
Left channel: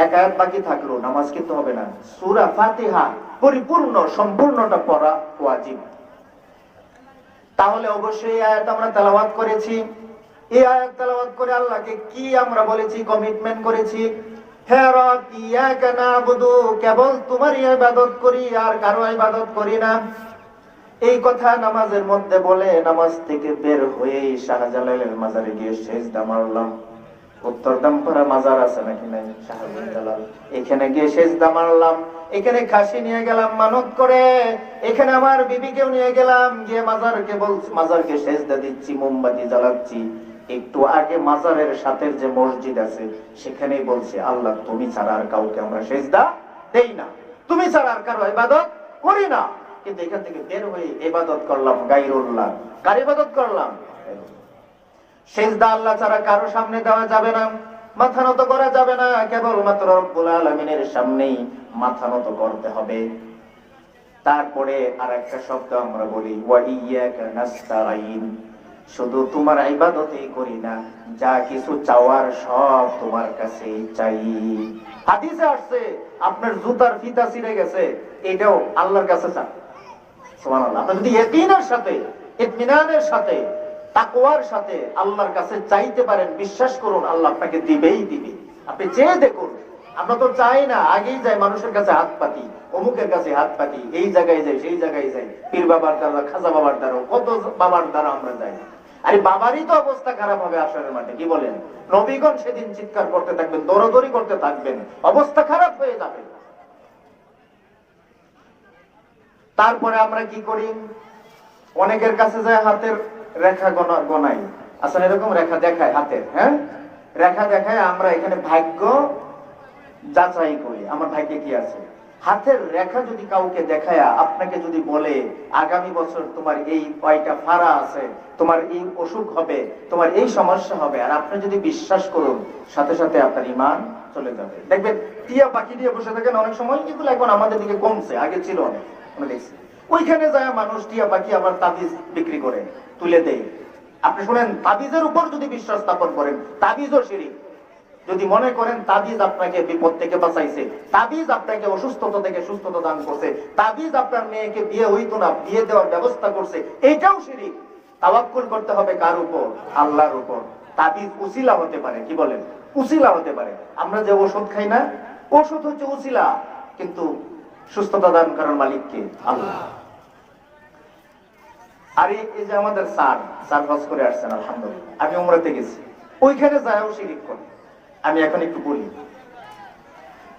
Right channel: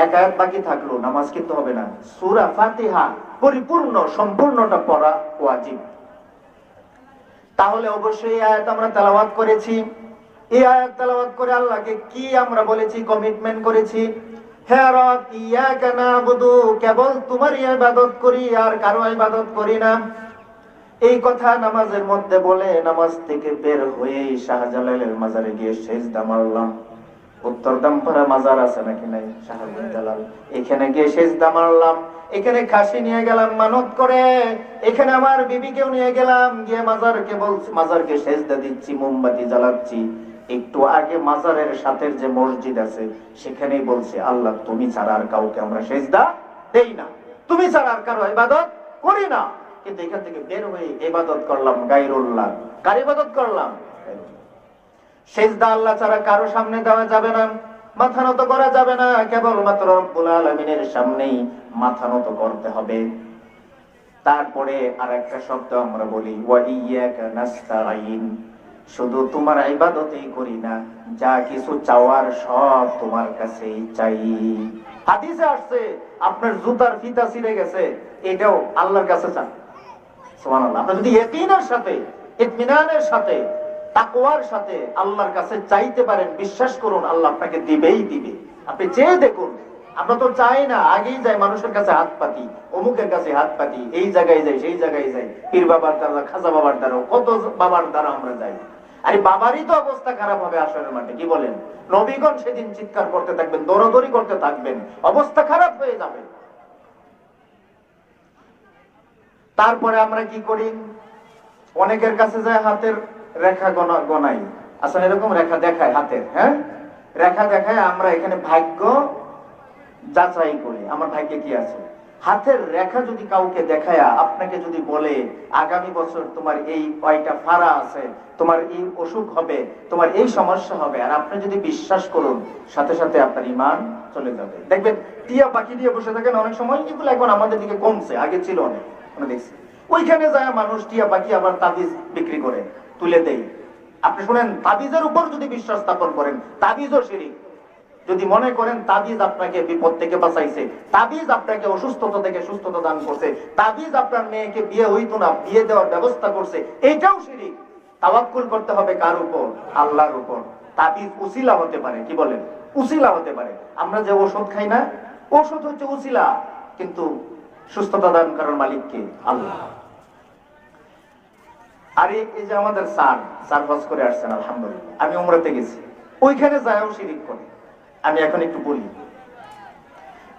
এক আয়াত বাকি থাকলো, নামাজ কিন্তু হবে না। সূরা ফাতিহা পরিপূর্ণ সম্পূর্ণটা পড়া ওয়াজিব। তাহলে অবশ্যই আয়াত আমরা তেলাওয়াত করেছি। এই আয়াত তেলাওয়াত করে আল্লাহকে কি আমরা বলেছি, কমিটমেন্ট করেছি, হে রব ইয়াকা না'বুদু, কেবল তোমারই ইবাদত করি, আর কারো ইবাদত করি না। এই কথা নামাজের মধ্যে বলে নামাজ থেকে বের হয়ে শাহজালালের মাজারে গিয়ে সেজদা মারলাম। উত্তরদামপাড়া মাজার আছে নাকি নাই শাহজালাল, এখানে গিয়ে সেজদা মারলাম। এখানে খাসি নিয়ে গেলাম মানত করে, এখানে আমার বিবিকেও নিয়ে গেলাম, গিয়ে মাজারকে সেজদা দিচ্ছি, মোমবাতি জ্বালাচ্ছি। একটু আগে মাজারের সাথে যে মসজিদ আছে সেখানেই বলছে আল্লাহ তুমি ছাড়া আর কাউকে আমরা সেজদা দেই না, তুমি ছাড়া আর কারো ইবাদত করি না। কিন্তু এখান থেকে বের হয়ে ইবাদত করলাম গায়রুল্লাহ। কার ইবাদত করলাম? সেজদা আল্লাহ ছাড়া কারো সামনে দেওয়া যাবে না, মাথা নত করা যাবে না, কেবলমাত্র রব্বুল আলামিনের সামনেই মাথা নত করতে হবে। তারপরে আরেকটা শব্দ আমরা বলি ওয়া ইয়াকা নাস্তাঈন, শুধু তোমার ইবাদতই করি না, যা কিছু চাওয়ার সব তোমার কাছেই চাই। হাদিসে আসছে আপনার জুতার ফিতা ছিঁড়ে গেছে, এটাও আল্লাহর কাছে চান। সুবহানাল্লাহ। আপনি যদি ইয়াকিনের সাথে, ইতমিনানের সাথে, তাকওয়ার সাথে আল্লাহর কাছে চাইতে পারেন, বিশ্বাস করুন আল্লাহ আপনাকে দিবেই দিবে। আপনি চেয়ে দেখুন। আমরা তো চাই না, আগেই যাই মানুষের কাছে হাত পাতি, অমুকের কাছে হাত পাতি, এই জায়গায় যাই সেই জায়গায় যাই, পীর বাবার দ্বারা, খাজা বাবার দ্বারা, কত বাবার দ্বারা আমরা যাই। আরে বাবারই তো অবস্থা খারাপ হবে আসরের মাঠে, কি বলেন? নবীগণ সেদিন চিৎকার করতে থাকবেন, দৌড়াদৌড়ি করতে থাকবেন, অবস্থা খারাপ হয়ে যাবে। তারপরে আমরা কি করি? অনেকের কাছে যায় হাতের রেখা গনাই, আসলে এরকম রেখা দেখায় হাতের, হ্যাঁ রেখা দেখায়, আমরা এখানে ভাগ্য যাচাই করি, আমার ভাগ্যে কি আছে। হাতের রেখা যদি কাউকে দেখায়, আপনাকে যদি বলে আগামী বছর তোমার এই কয়টা ফাড়া আছে, তোমার এই অসুখ হবে, তোমার এই সমস্যা হবে, আর আপনি যদি বিশ্বাস করুন, সাথে সাথে আপনার ঈমান চলে যাবে। দেখবেন টিয়া পাখি দিয়ে বসে থাকেন অনেক সময়, কিন্তু এখন আমাদের দিকে কমছে, আগে ছিল অনেক, আমরা দেখছি। ওইখানে যায় মানুষ টিয়া পাখি আবার তাবিজ বিক্রি করে, তুলে দেয়। আপনি শুনেন, তাবিজের উপর যদি বিশ্বাস স্থাপন করেন, তাবিজও শিরক। যদি মনে করেন তাবিজ আপনাকে বিপদ থেকে বাঁচাইছে, তাবিজ আপনাকে অসুস্থতা থেকে সুস্থতা দান করছে, তাবিজ আপনার মেয়েকে বিয়ে হইতো না, বিয়ে দেওয়ার ব্যবস্থা করছে, এইটাও শিরক। তাওয়াক্কুল করতে হবে কার উপর? আল্লাহর উপর। তাবিজ উসিলা হতে পারে, কি বলেন? উসিলা হতে পারে। আমরা যে ওষুধ খাই না, ওষুধ হচ্ছে উসিলা, কিন্তু সুস্থতা দান করার মালিক কে? আল্লাহ। আর এই যে আমাদের স্যার হজ করে আসছেন, আলহামদুলিল্লাহ, আমি উমরাতে গেছি, ওইখানে যাও শিরিক করে। আমি এখন একটু বলি,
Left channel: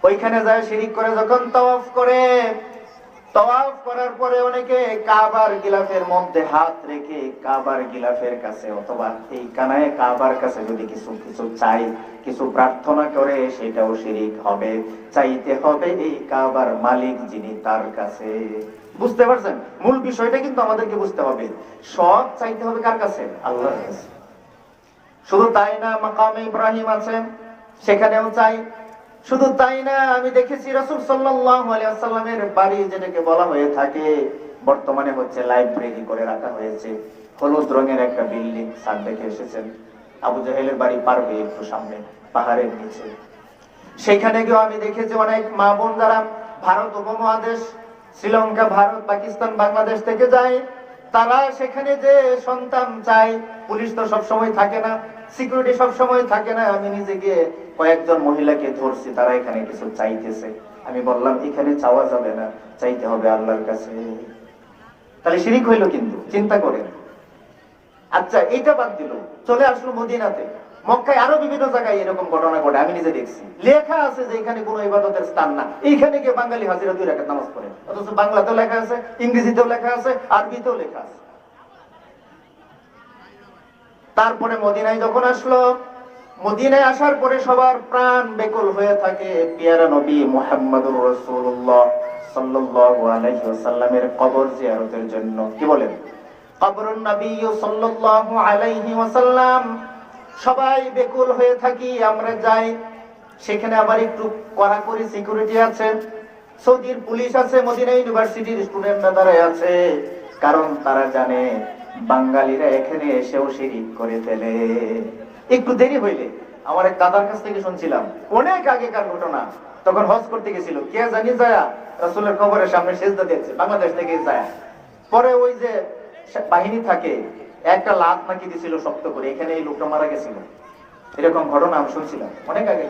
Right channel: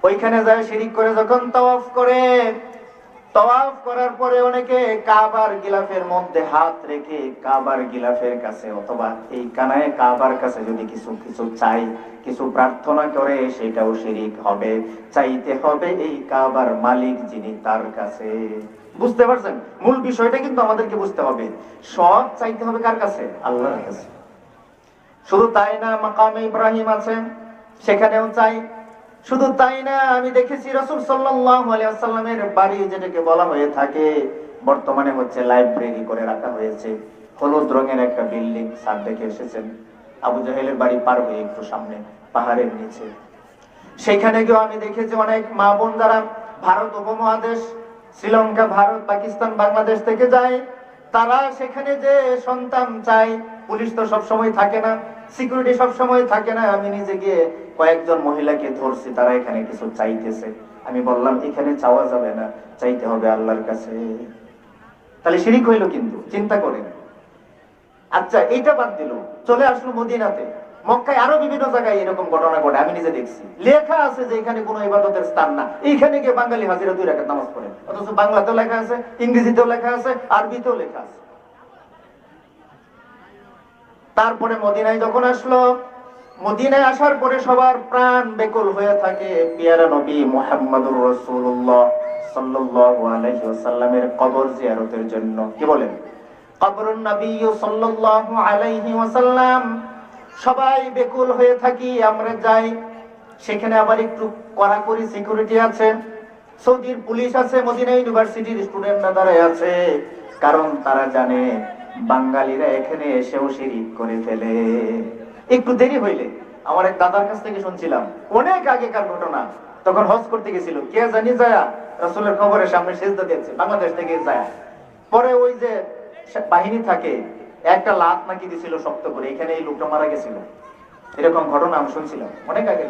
ওইখানে যায় শিরিক করে, যখন তাওয়াফ করে তাওয়াফ করার পরে অনেকে কাবার গিলাফের মধ্যে হাত রেখে কাবার গিলাফের কাছে অথবা এই কানায় কাবার কাছে যদি কিছু কিছু চাই, কিছু প্রার্থনা করে, সেটাও শিরিক হবে। চাইতে হবে এই কাবার মালিক যিনি, তার কাছে। বুঝতে পারছেন? মূল বিষয়টা কিন্তু আমাদেরকে বুঝতে হবে, সব চাইতে হবে কার কাছে? আল্লাহর কাছে। শুধু তাই না, মাকামে ইব্রাহিম আছে, সেখানেও চাই। শুধু তাই না, আমি দেখেছি রাসূল সাল্লাল্লাহু আলাইহি ওয়াসাল্লামের বাড়ি, যেটাকে বলা হয়ে থাকে, বর্তমানে হচ্ছে লাইব্রেরি করে রাখা হয়েছে, হলুদ রঙের একটা বিল্ডিং। স্যার দেখে এসেছেন আবু জাহেলের বাড়ি পার হয়ে একটু সামনে পাহাড়ের নিচে। সেখানে গিয়ে আমি দেখেছি অনেক মা বোন যারা ভারত উপমহাদেশ, শ্রীলঙ্কা, ভারত, পাকিস্তান, বাংলাদেশ থেকে যায়, তারা সেখানে যে সন্তান চায়। পুলিশ তো সবসময় থাকে না, সিকিউরিটি সবসময় থাকে না। আমি নিজে গিয়ে কয়েকজন মহিলাকে ধরছি, তারা এখানে কিছু চাইতেছে। আমি বললাম এখানে চাওয়া যাবে না, চাইতে হবে আল্লাহর কাছে। তাহলে শিরিক হইলো কিন্তু, চিন্তা করেন। আচ্ছা, এটা বাদ দিল, চলে আসলো মদিনাতে। মক্কায় আরো বিভিন্ন জায়গায় এরকম ঘটনা ঘটে, আমি নিজে দেখছি। লেখা আছে যে এখানে কোনো ইবাদতের স্থান না, এইখানে গিয়ে বাঙালি হাজিরা 2 রাকাত নামাজ পড়ে। অথচ বাংলাতেও লেখা আছে, ইংরেজিতেও লেখা আছে, আরবিতেও লেখা আছে। তারপরে মদিনায় যখন আসলো, মদিনায় আসার পরে সবার প্রাণ বেকুল হয়ে থাকে পেয়ারা নবী মুহাম্মদুর রাসূলুল্লাহ সাল্লাল্লাহু আলাইহি ওয়াসাল্লামের কবর জিয়ারতের জন্য। কি বলেন? কবরুন নবী সাল্লাল্লাহু আলাইহি ওয়াসাল্লাম। সবাই বেকুল হয়ে থাকি, আমরা যাই। সেখানে আবার একটু কড়াকড়ি সিকিউরিটি আছে, সৌদির পুলিশ আছে, মদিনা ইউনিভার্সিটির স্টুডেন্টরা দাঁড়ায় আছে। কারণ তারা জানে বাঙালিরা এখানে এসেও শিরিক করে ফেলে। একটু দেরি হইলে, আমার এক দাদার কাছ থেকে শুনছিলাম, অনেক আগেকার ঘটনা, তখন হজ করতে গেছিল, কে জানি যায় রাসূলের কবরের সামনে সিজদা দিয়েছে, বাংলাদেশ থেকে যায়। পরে ওই যে বাহিনী থাকে, একটা লাত নাকি দিছিল শক্ত করে, এখানে এই লোকটা মারা গেছিল। এরকম ঘটনা আমি শুনছিলাম অনেক আগে।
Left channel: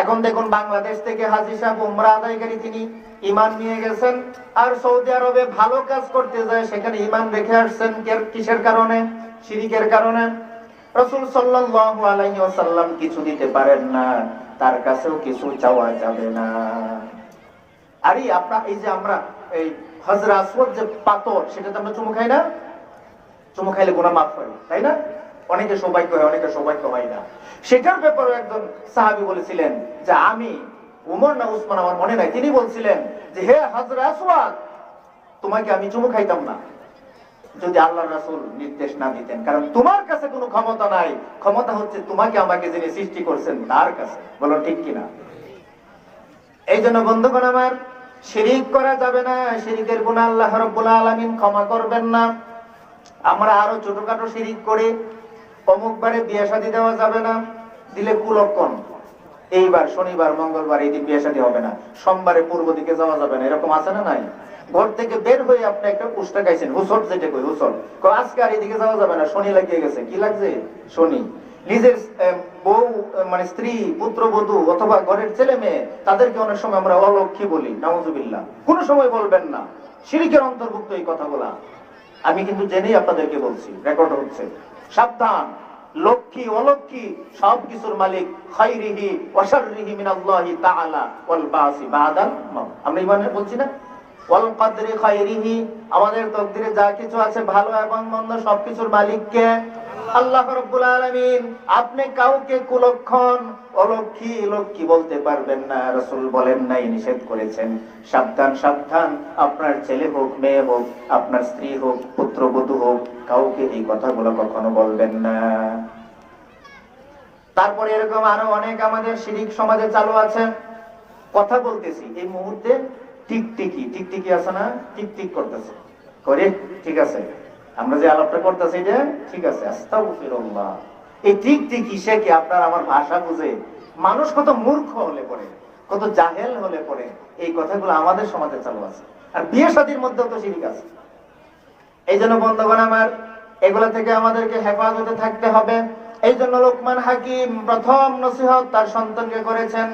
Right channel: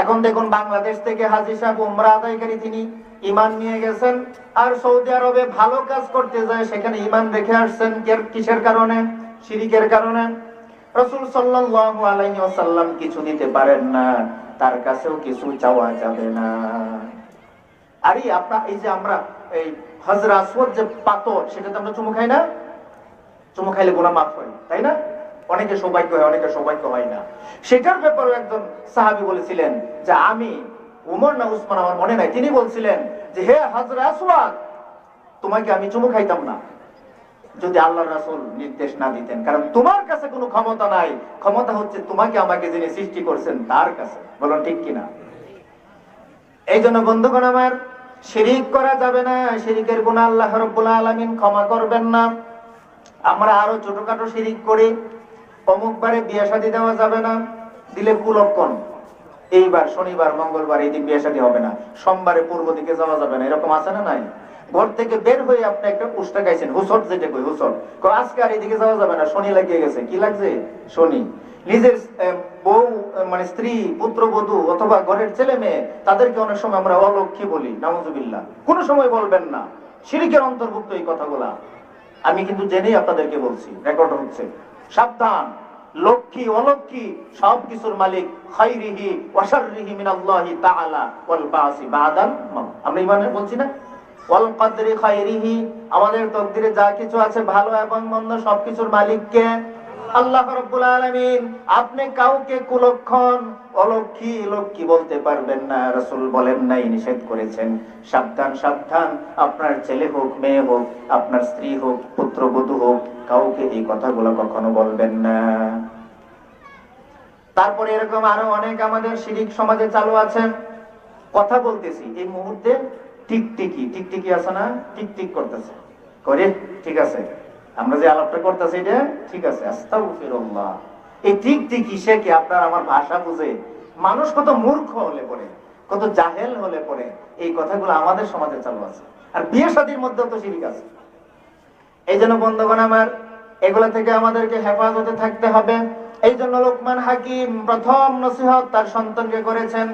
এখন দেখুন, বাংলাদেশ থেকে হাজী সাহেব উমরা আদায়কারী, তিনি ঈমান নিয়ে গেছেন, আর সৌদি আরবে ভালো কাজ করতে যায়, সেখানে ঈমান রেখে আসছেন। কিসের কারণে? শিরিকের কারণে। রাসূল সাল্লাল্লাহু আলাইহি ওয়াসাল্লাম কিছু দিতে পারেন না, তার কাছেও কিছু চাওয়া যাবে না। আরে আপনার এই যে আমরা এই হজর আসওয়াদ যে পাথর, সেটাতে আমরা চুমু খাই না? চুমু খাইলে গুনাহ মাফ হয়, তাই না? অনেকে সৌভাগ্য হয়, অনেকে সৌভাগ্য হয় না। সেটার ব্যাপারে একজন সাহাবী বলেছিলেন যে, আমি উমর না উসমান আমার মনে নাই, তিনি বলছিলেন যে, হে হজর আসওয়াদ, তোমাকে আমি চুমু খাইতাম না যদি আল্লাহর রাসূল নির্দেশ না দিতেন। কারণ তোমার কাছে কোনো ক্ষমতা নাই, ক্ষমতা হচ্ছে তোমাকে আমাকে যিনি সৃষ্টি করেছেন তার কাছে। বলো ঠিক কিনা? এই জন্য বন্ধুগণ আমার, শিরিক করা যাবে না। শিরিকের গুনাহ আল্লাহ রাব্বুল আলামিন ক্ষমা করবেন না। আমরা আরো ছোটখাটো শিরিক করি। অমুক বারে বিয়ে শাদী দেওয়া যাবে না, দিলে কুলক্ষণ। এইবার শনিবার, মঙ্গলবার, এই দিন বিয়ে শাদী হবে না। সোমবারে পূর্ব দিকে যাওয়া যাবে না, এরকম আছে না নাই? ঘর থেকে বের হয়ে আপনি একটা পুষ্টা গাইছেন, হুসট, যেটা কই হুসট, আজকে আর এদিকে যাওয়া যাবে না, শনি লাগিয়ে গেছে। কি লাগছে? শনি। নিজের বউ, মানে স্ত্রী, পুত্রবধূ অথবা ঘরের ছেলে মেয়ে, তাদেরকে অনেক সময় আমরা অলক্ষী বলি, নাউযুবিল্লাহ। কোন সময় বলবেন না, শিরকের অন্তর্ভুক্ত এই কথাগুলা। আমি কিন্তু জেনেই আপনাদেরকে বলছি, রেকর্ড হচ্ছে। সাবধান, লক্ষ্মী অলক্ষ্মী সবকিছুর মালিক খায়রিহি ওয়া শাররিহি মিনাল্লাহি তাআলা ওয়াল বাসি বাদাল মাউত। আমরা ইমানে বলছি না, ওয়াল কদরি খায়রিহি, আমাদের তাকদীরে যা কিছু আছে ভালো এবং মন্দ সবকিছুর মালিক কে? আল্লাহ রাব্বুল আলামিন। আপনি কাউকে কুলক্ষণ, অলক্ষী, লক্ষ্মী বলতে পারবেন না। রাসূল বলেন নাই, নিষেধ করেছেন। সাবধান, সাবধান, আপনার ছেলে হোক, মেয়ে হোক, আপনার স্ত্রী হোক, পুত্রবধূ হোক, কাউকে এই কথাগুলো কখনো বলবেন না। তারপরে এরকম আরো অনেক আমাদের শিরিক সমাজে চালু আছে। কথা বলতেছি এই মুহূর্তে, টিকটিকি, টিকটিকি আছে না, টিকটিক করতেছে করে, ঠিক আছে, আমরা যে আলাপটা করতেছি যে ঠিক আছে, আস্তাগফিরুল্লাহ। এই টিকটিকি সে কি আপনার আমার ভাষা বুঝে? মানুষ কত মূর্খ হলে পড়ে, কত জাহেল হলে পড়ে, এই কথাগুলো আমাদের সমাজে চালু আছে। আর বিয়ে শাদীর মধ্যে তো শিরিক আছে। এই জন্য বন্ধুগণ আমার, এগুলো থেকে আমাদেরকে হেফাজতে থাকতে হবে। এই জন্য লোকমান হাকিম প্রথম নসিহত তার সন্তানকে করেছেন,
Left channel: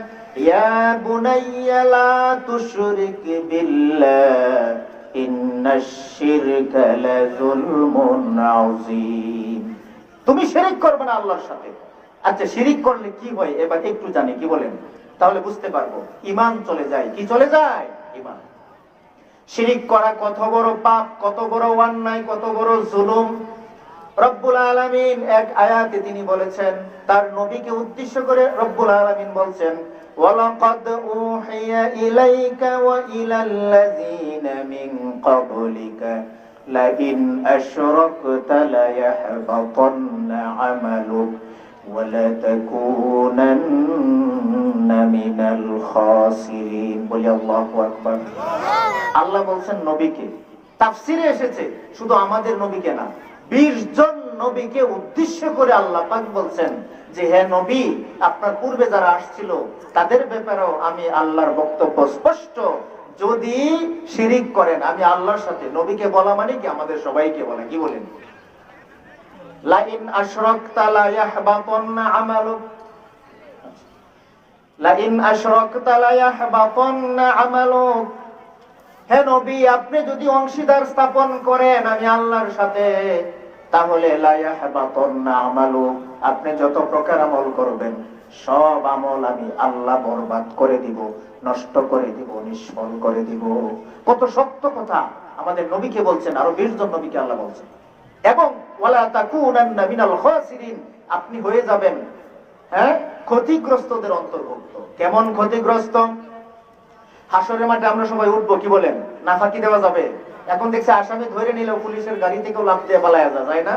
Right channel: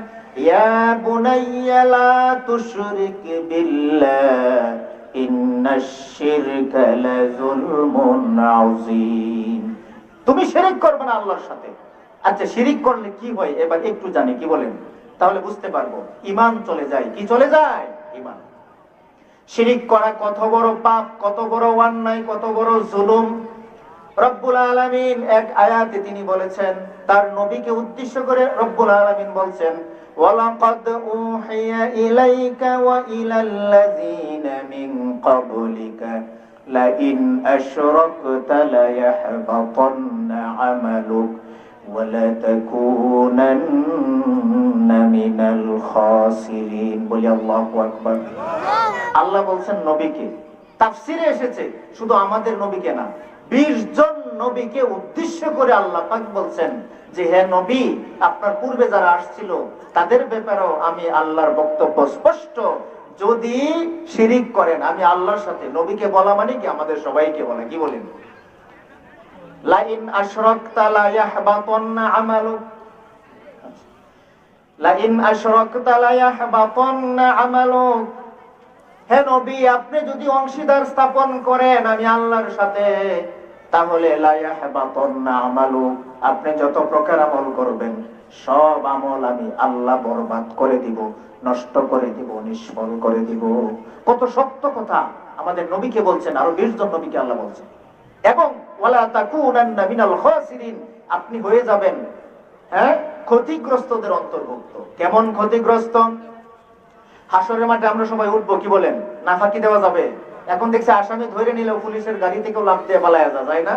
ইয়া বুনাইয়া লা তুশরিক বিল্লাহ ইন্নাশ শিরকা লাযুলমুন আযীম। তুমি শিরক করবে না আল্লাহর সাথে। আচ্ছা, শিরক করলে কি হয় এবার একটু জানি, কি বলেন? তাহলে বুঝতে পারবো। ঈমান চলে যায়। কি চলে যায়? ঈমান। শিরিক করা কত বড় পাপ, কত বড় অন্যায়, কত বড় জুলুম। রব্বুল আলামিন এক আয়াতে তিনি বলেছেন, তার নবীকে উদ্দেশ্য করে রব্বুল আলামিন বলছেন, ওয়ালাকাদ উহিয়া ইলাইকা ওয়া ইলাল্লাযীনা মিন ক্বাবলিকা লাইন আশরাকতা লায়াহবাতান্না আমালুক ওয়া লাতাকুনান্না মিনাল খাসিরিন। বলি আল্লাহু আকবার। আল্লাহ বলছেন নবীকে, তাফসিরে এসেছে শুধু আমাদের নবীকে না, 20 জন নবীকে উদ্দেশ্য করে আল্লাহ পাক বলছেন যে হে নবী, আপনার পূর্বে যারা আসছিল তাদের ব্যাপারেও আমি আল্লাহর বক্তব্য স্পষ্ট, যদি শিরিক করেন আমি আল্লাহর সাথে, নবীকে বলা মানে কি আমাদের সবাইকে বলা, কি বলেন? লাইন আশরাকতা লা ইয়াহবাতান্না আমালুক, লাইন আশরাকতা লা ইয়াহবাতান্না আমালুক। হে নবী, আপনি যদি অংশীদার স্থাপন করেন আমি আল্লাহর সাথে, তাহলে লা ইয়াহবাতান্না আমালুক, আপনি যত প্রকার আমল করবেন সব আমল আমি আল্লাহ বরবাদ করে দিব, নষ্ট করে দিব, নিষ্ফল করে দিব। কত শক্ত কথা আমাদের নবীকে বলছেন, আরো 20 জন নবীকে আল্লাহ বলছেন। এবং ওয়ালা তাকুনান্না মিনাল খাসিরিন, আপনি হয়ে যাবেন ক্ষতিগ্রস্তদের অন্তর্ভুক্ত। কেমন ক্ষতিগ্রস্ত? হাসরের মাঠে আমরা সবাই উঠবো, কি বলেন? না ফাঁকি দেওয়া যাবে? এখন দেখছি আসামি ধরে নিলেও পুলিশের গাড়ি থেকেও লাফ দিয়ে পালায়া যায় না?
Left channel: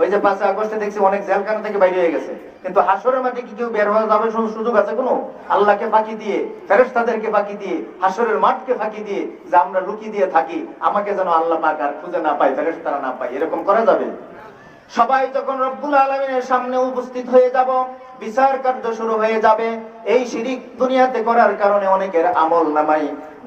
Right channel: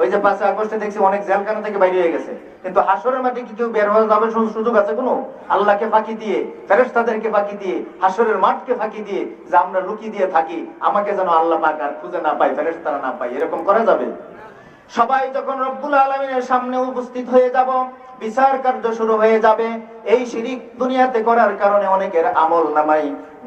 ওই যে 5 আগস্টে দেখছি অনেক জেলখানা থেকে বাইরে হয়ে গেছে। কিন্তু হাসরের মাঠে কি কেউ বের হয়ে যাবে সুযোগ আছে কোনো? আল্লাহকে ফাঁকি দিয়ে, ফেরেশতাদেরকে ফাঁকি দিয়ে, হাসরের মাঠকে ফাঁকি দিয়ে যে আমরা লুকিয়ে দিয়ে থাকি, আমাকে যেন আল্লাহ পাক আর খুঁজে না পায়, ফেরেশতারা না পায়, এরকম করা যাবে? সবাই যখন রব্বুল আলামিনের সামনে উপস্থিত হয়ে যাব, বিচার কার্য শুরু হয়ে যাবে। এই শিরিক দুনিয়াতে করার কারণে অনেকের আমল নামাই,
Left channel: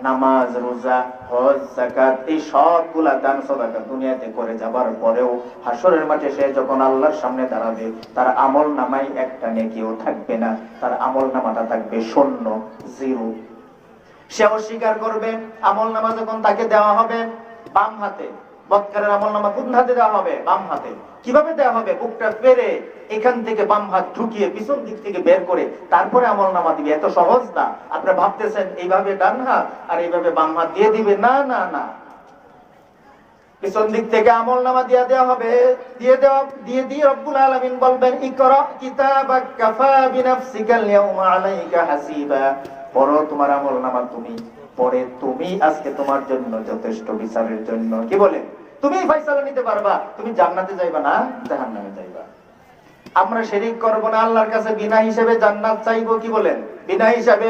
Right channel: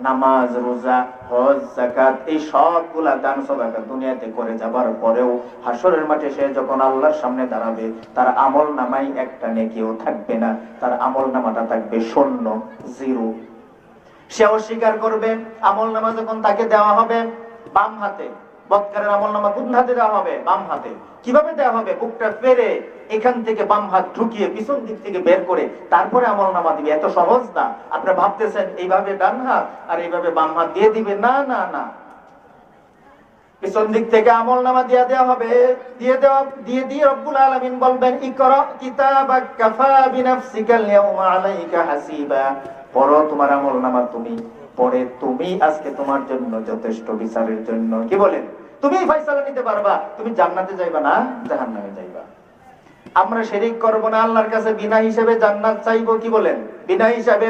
নামাজ, রোজা, হজ, যাকাত, এই সবগুলা দান সদকা দুনিয়াতে করে যাবার পরেও হাসরের মাঠে সে যখন আল্লাহর সামনে দাঁড়াবে, তার আমল নামাই একটা নেকিও থাকবে না, তার আমল নামাটা থাকবে শূন্য, জিরো। সে অস্বীকার করবে। আমল নামা যখন তাকে দেওয়া হবে বাম হাতে, বদকারের আমল নামা কোন হাতে দেওয়া হবে? বাম হাতে। কিভাবে দেওয়া হবে? বুকটা পেরে এখান থেকে বাম হাত ঢুকিয়ে পিছন দিক থেকে বের করে তারপরে আমল নামা দিবে। এত সহজ না। আপনি ভাবতেছেন এইভাবে ডান হাত আর এইভাবে বাম হাত দিয়ে দিবে, না না না, পিছন দিক থেকে আমল নামা দিয়ে দেওয়া হবে। দিয়ে রব্বুল আলামিন বলবেন, ইকরা কিতাবাক কাফা বিনাফসিকাল ইয়াউমা আলাইকা হাসিবা, পড়ো তোমার আমল নামা তুমি, পরে তুমি আজকে তোমার জন্য যথেষ্ট বিচারের জন্য। কি বলেন? তুমি ফয়সালা নিতে পারবা, তুমি জান্নাতে যাইবা না জাহান্নামে যাইবা। আমরা শিরিক করব না, আল্লাহর কাছে বিনা হিসাবে জান্নাত চাইবো। কি বলেন? বিনা হিসাবে।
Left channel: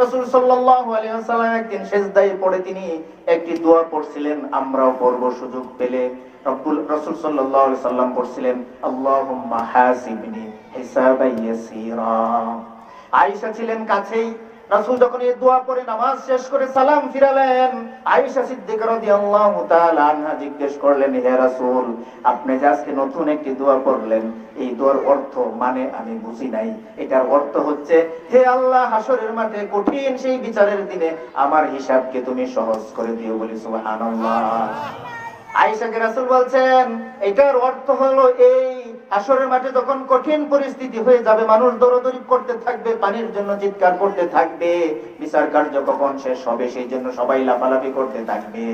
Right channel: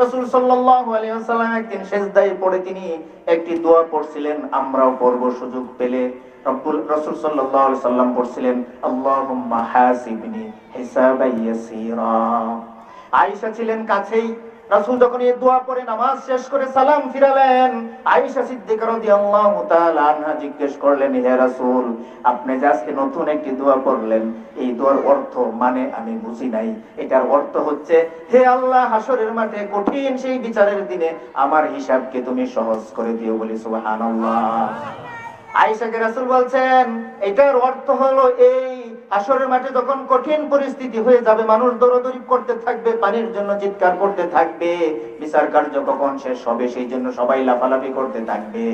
রাসূল সাল্লাল্লাহু আলাইহি ওয়াসাল্লাম একদিন সিজদায় পড়ে তিনি একটি দোয়া পড়ছিলেন, আমরাও পড়ব সুযোগ পেলে। রাসূল সাল্লাল্লাহু আলাইহি ওয়াসাল্লাম পড়ছিলেন, আল্লাহুম্মা হাসিবনি হিসাবান ইয়াসীরা। আয়েশা ছিলেন কাছেই। রাসূল যখন এই দোয়া পড়ে নামাজ শেষ করে সালাম ফিরালেন, আয়েশা সিদ্দিকা রাদিয়াল্লাহু তাআলা আনহা জিজ্ঞেস করলেন, হে রাসূল, আপনি যে আজকে নতুন একটি দোয়া পড়লেন, এই দোয়ার অর্থ মানে আমি বুঝি নাই। এটার অর্থ হচ্ছে, হে আল্লাহ, হাসরের মাঠে কঠিন সেই বিচারের দিনে আমার হিসাবকে তুমি সহজ করে দিও। বলি সুবহানাল্লাহ। আয়েশাকে রাসূল বলছেন, এটার অর্থ হলো এই, হাসরের মাঠে যখন কঠিন পরিস্থিতি হয়ে যাবে, মানুষ দৌড়াদৌড়ি করতে থাকবে, পানির জন্য চিৎকার করতে থাকবে, বিচার কার্য কখন শেষ হবে সেই জন্য সবাই লাফালাফি করতে থাকবে,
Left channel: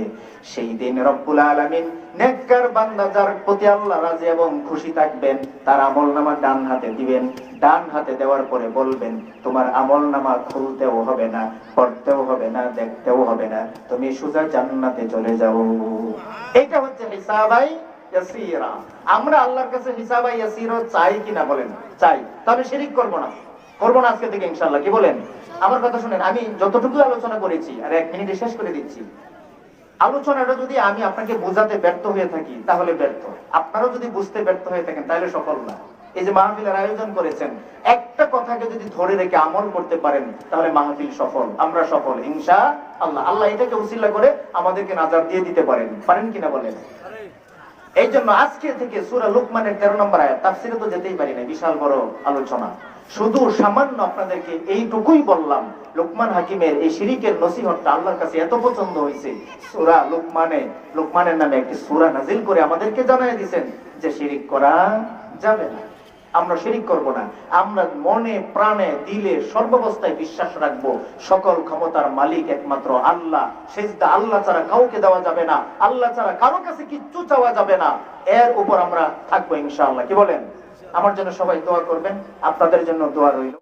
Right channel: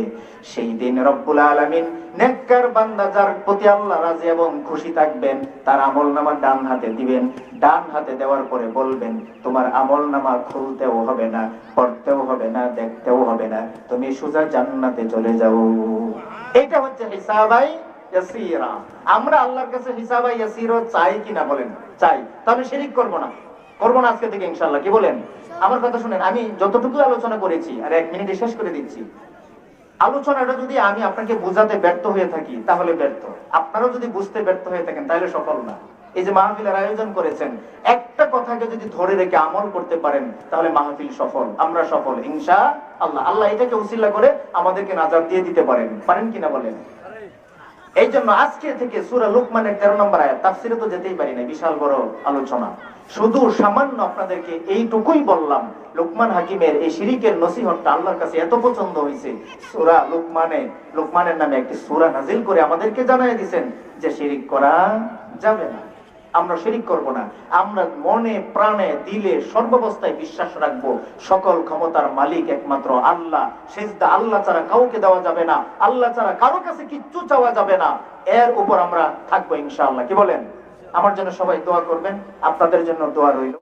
সেই দিন রব্বুল আলামিন নেককার বান্দা যার প্রতি আল্লাহ রাজি এবং খুশি থাকবেন, তার আমলনামা ডান হাতে দিবেন। ডান হাতে দেওয়ার পরে বলবেন, তোমার আমলনামা খুলতেও হবে না, পড়তেও হবে না, দেখতেও হবে না, তুমি সোজা জান্নাতে চলে যাও। এটা হচ্ছে হিসাবাই ইয়াসীরা। আমরা আল্লাহর কাছে হিসাবাই ইয়াসীরা চাই কিনা বলেন? চাই। তবে শিরিক করব না আজকে থেকে ইনশাআল্লাহ। কি বলেন? আমার কথা শুনেন, আমি যতটুকু আলোচনা করেছি আর 1 মিনিটে শেষ করে দিচ্ছি। আলোচনাটা যদি আমি আপনাকে বোঝাতে ব্যর্থ হয়ে থাকি তাহলে ব্যর্থ, আপনারাও যদি বুঝতে ব্যর্থ হয়ে থাকেন তাহলে সফল না। এই যে মাহফিলের আয়োজন করেছেন, একটা কথাকে যদি ধরে রেখে আমল করতে পারেন তাহলে মাহফিল সফল, আমরা সফল ইনশাআল্লাহ। আল্লাহ এটাকে উসিলা করে আমাদেরকে নাজাত দিয়ে দিতে পারেন কিনা বলেন? এই জন্য আজকে থেকে সূরা লুকমানের 13 নম্বর আয়াত, তাফসিরে তো যেতেই পারি না, বিশাল বড় আলোচনা। শুধু সামান্য আপনাদেরকে এইটুকুই বললাম। লুকমান হাকিমের এই শিরিকের নসিহতটা আল্লাহর কাছে এত পছন্দ হয়েছে, সূরা লুকমানের নামে একটি সূরা নাজিল করে আমাদেরকে জানাই দিয়েছেন যে শিরিক করা যাবে না। আমরা শিরিক করব না। আমরা মনে প্রাণে দিলে সর্বাবস্থায় বিশ্বাস রাখবো সকল ক্ষমতার মালিক একমাত্র আল্লাহ, সিজদা আল্লাহ ছাড়া কাউকে দেওয়া যাবে না, আল্লাহ ছাড়া কারো কাছে কিচ্ছু চাওয়া যাবে না, এর উপর আমরা থাকবো ইনশাআল্লাহ। কি বলেন? আমার জন্য সবাই দোয়া করবেন, আপনাদের জন্য দোয়া রইল।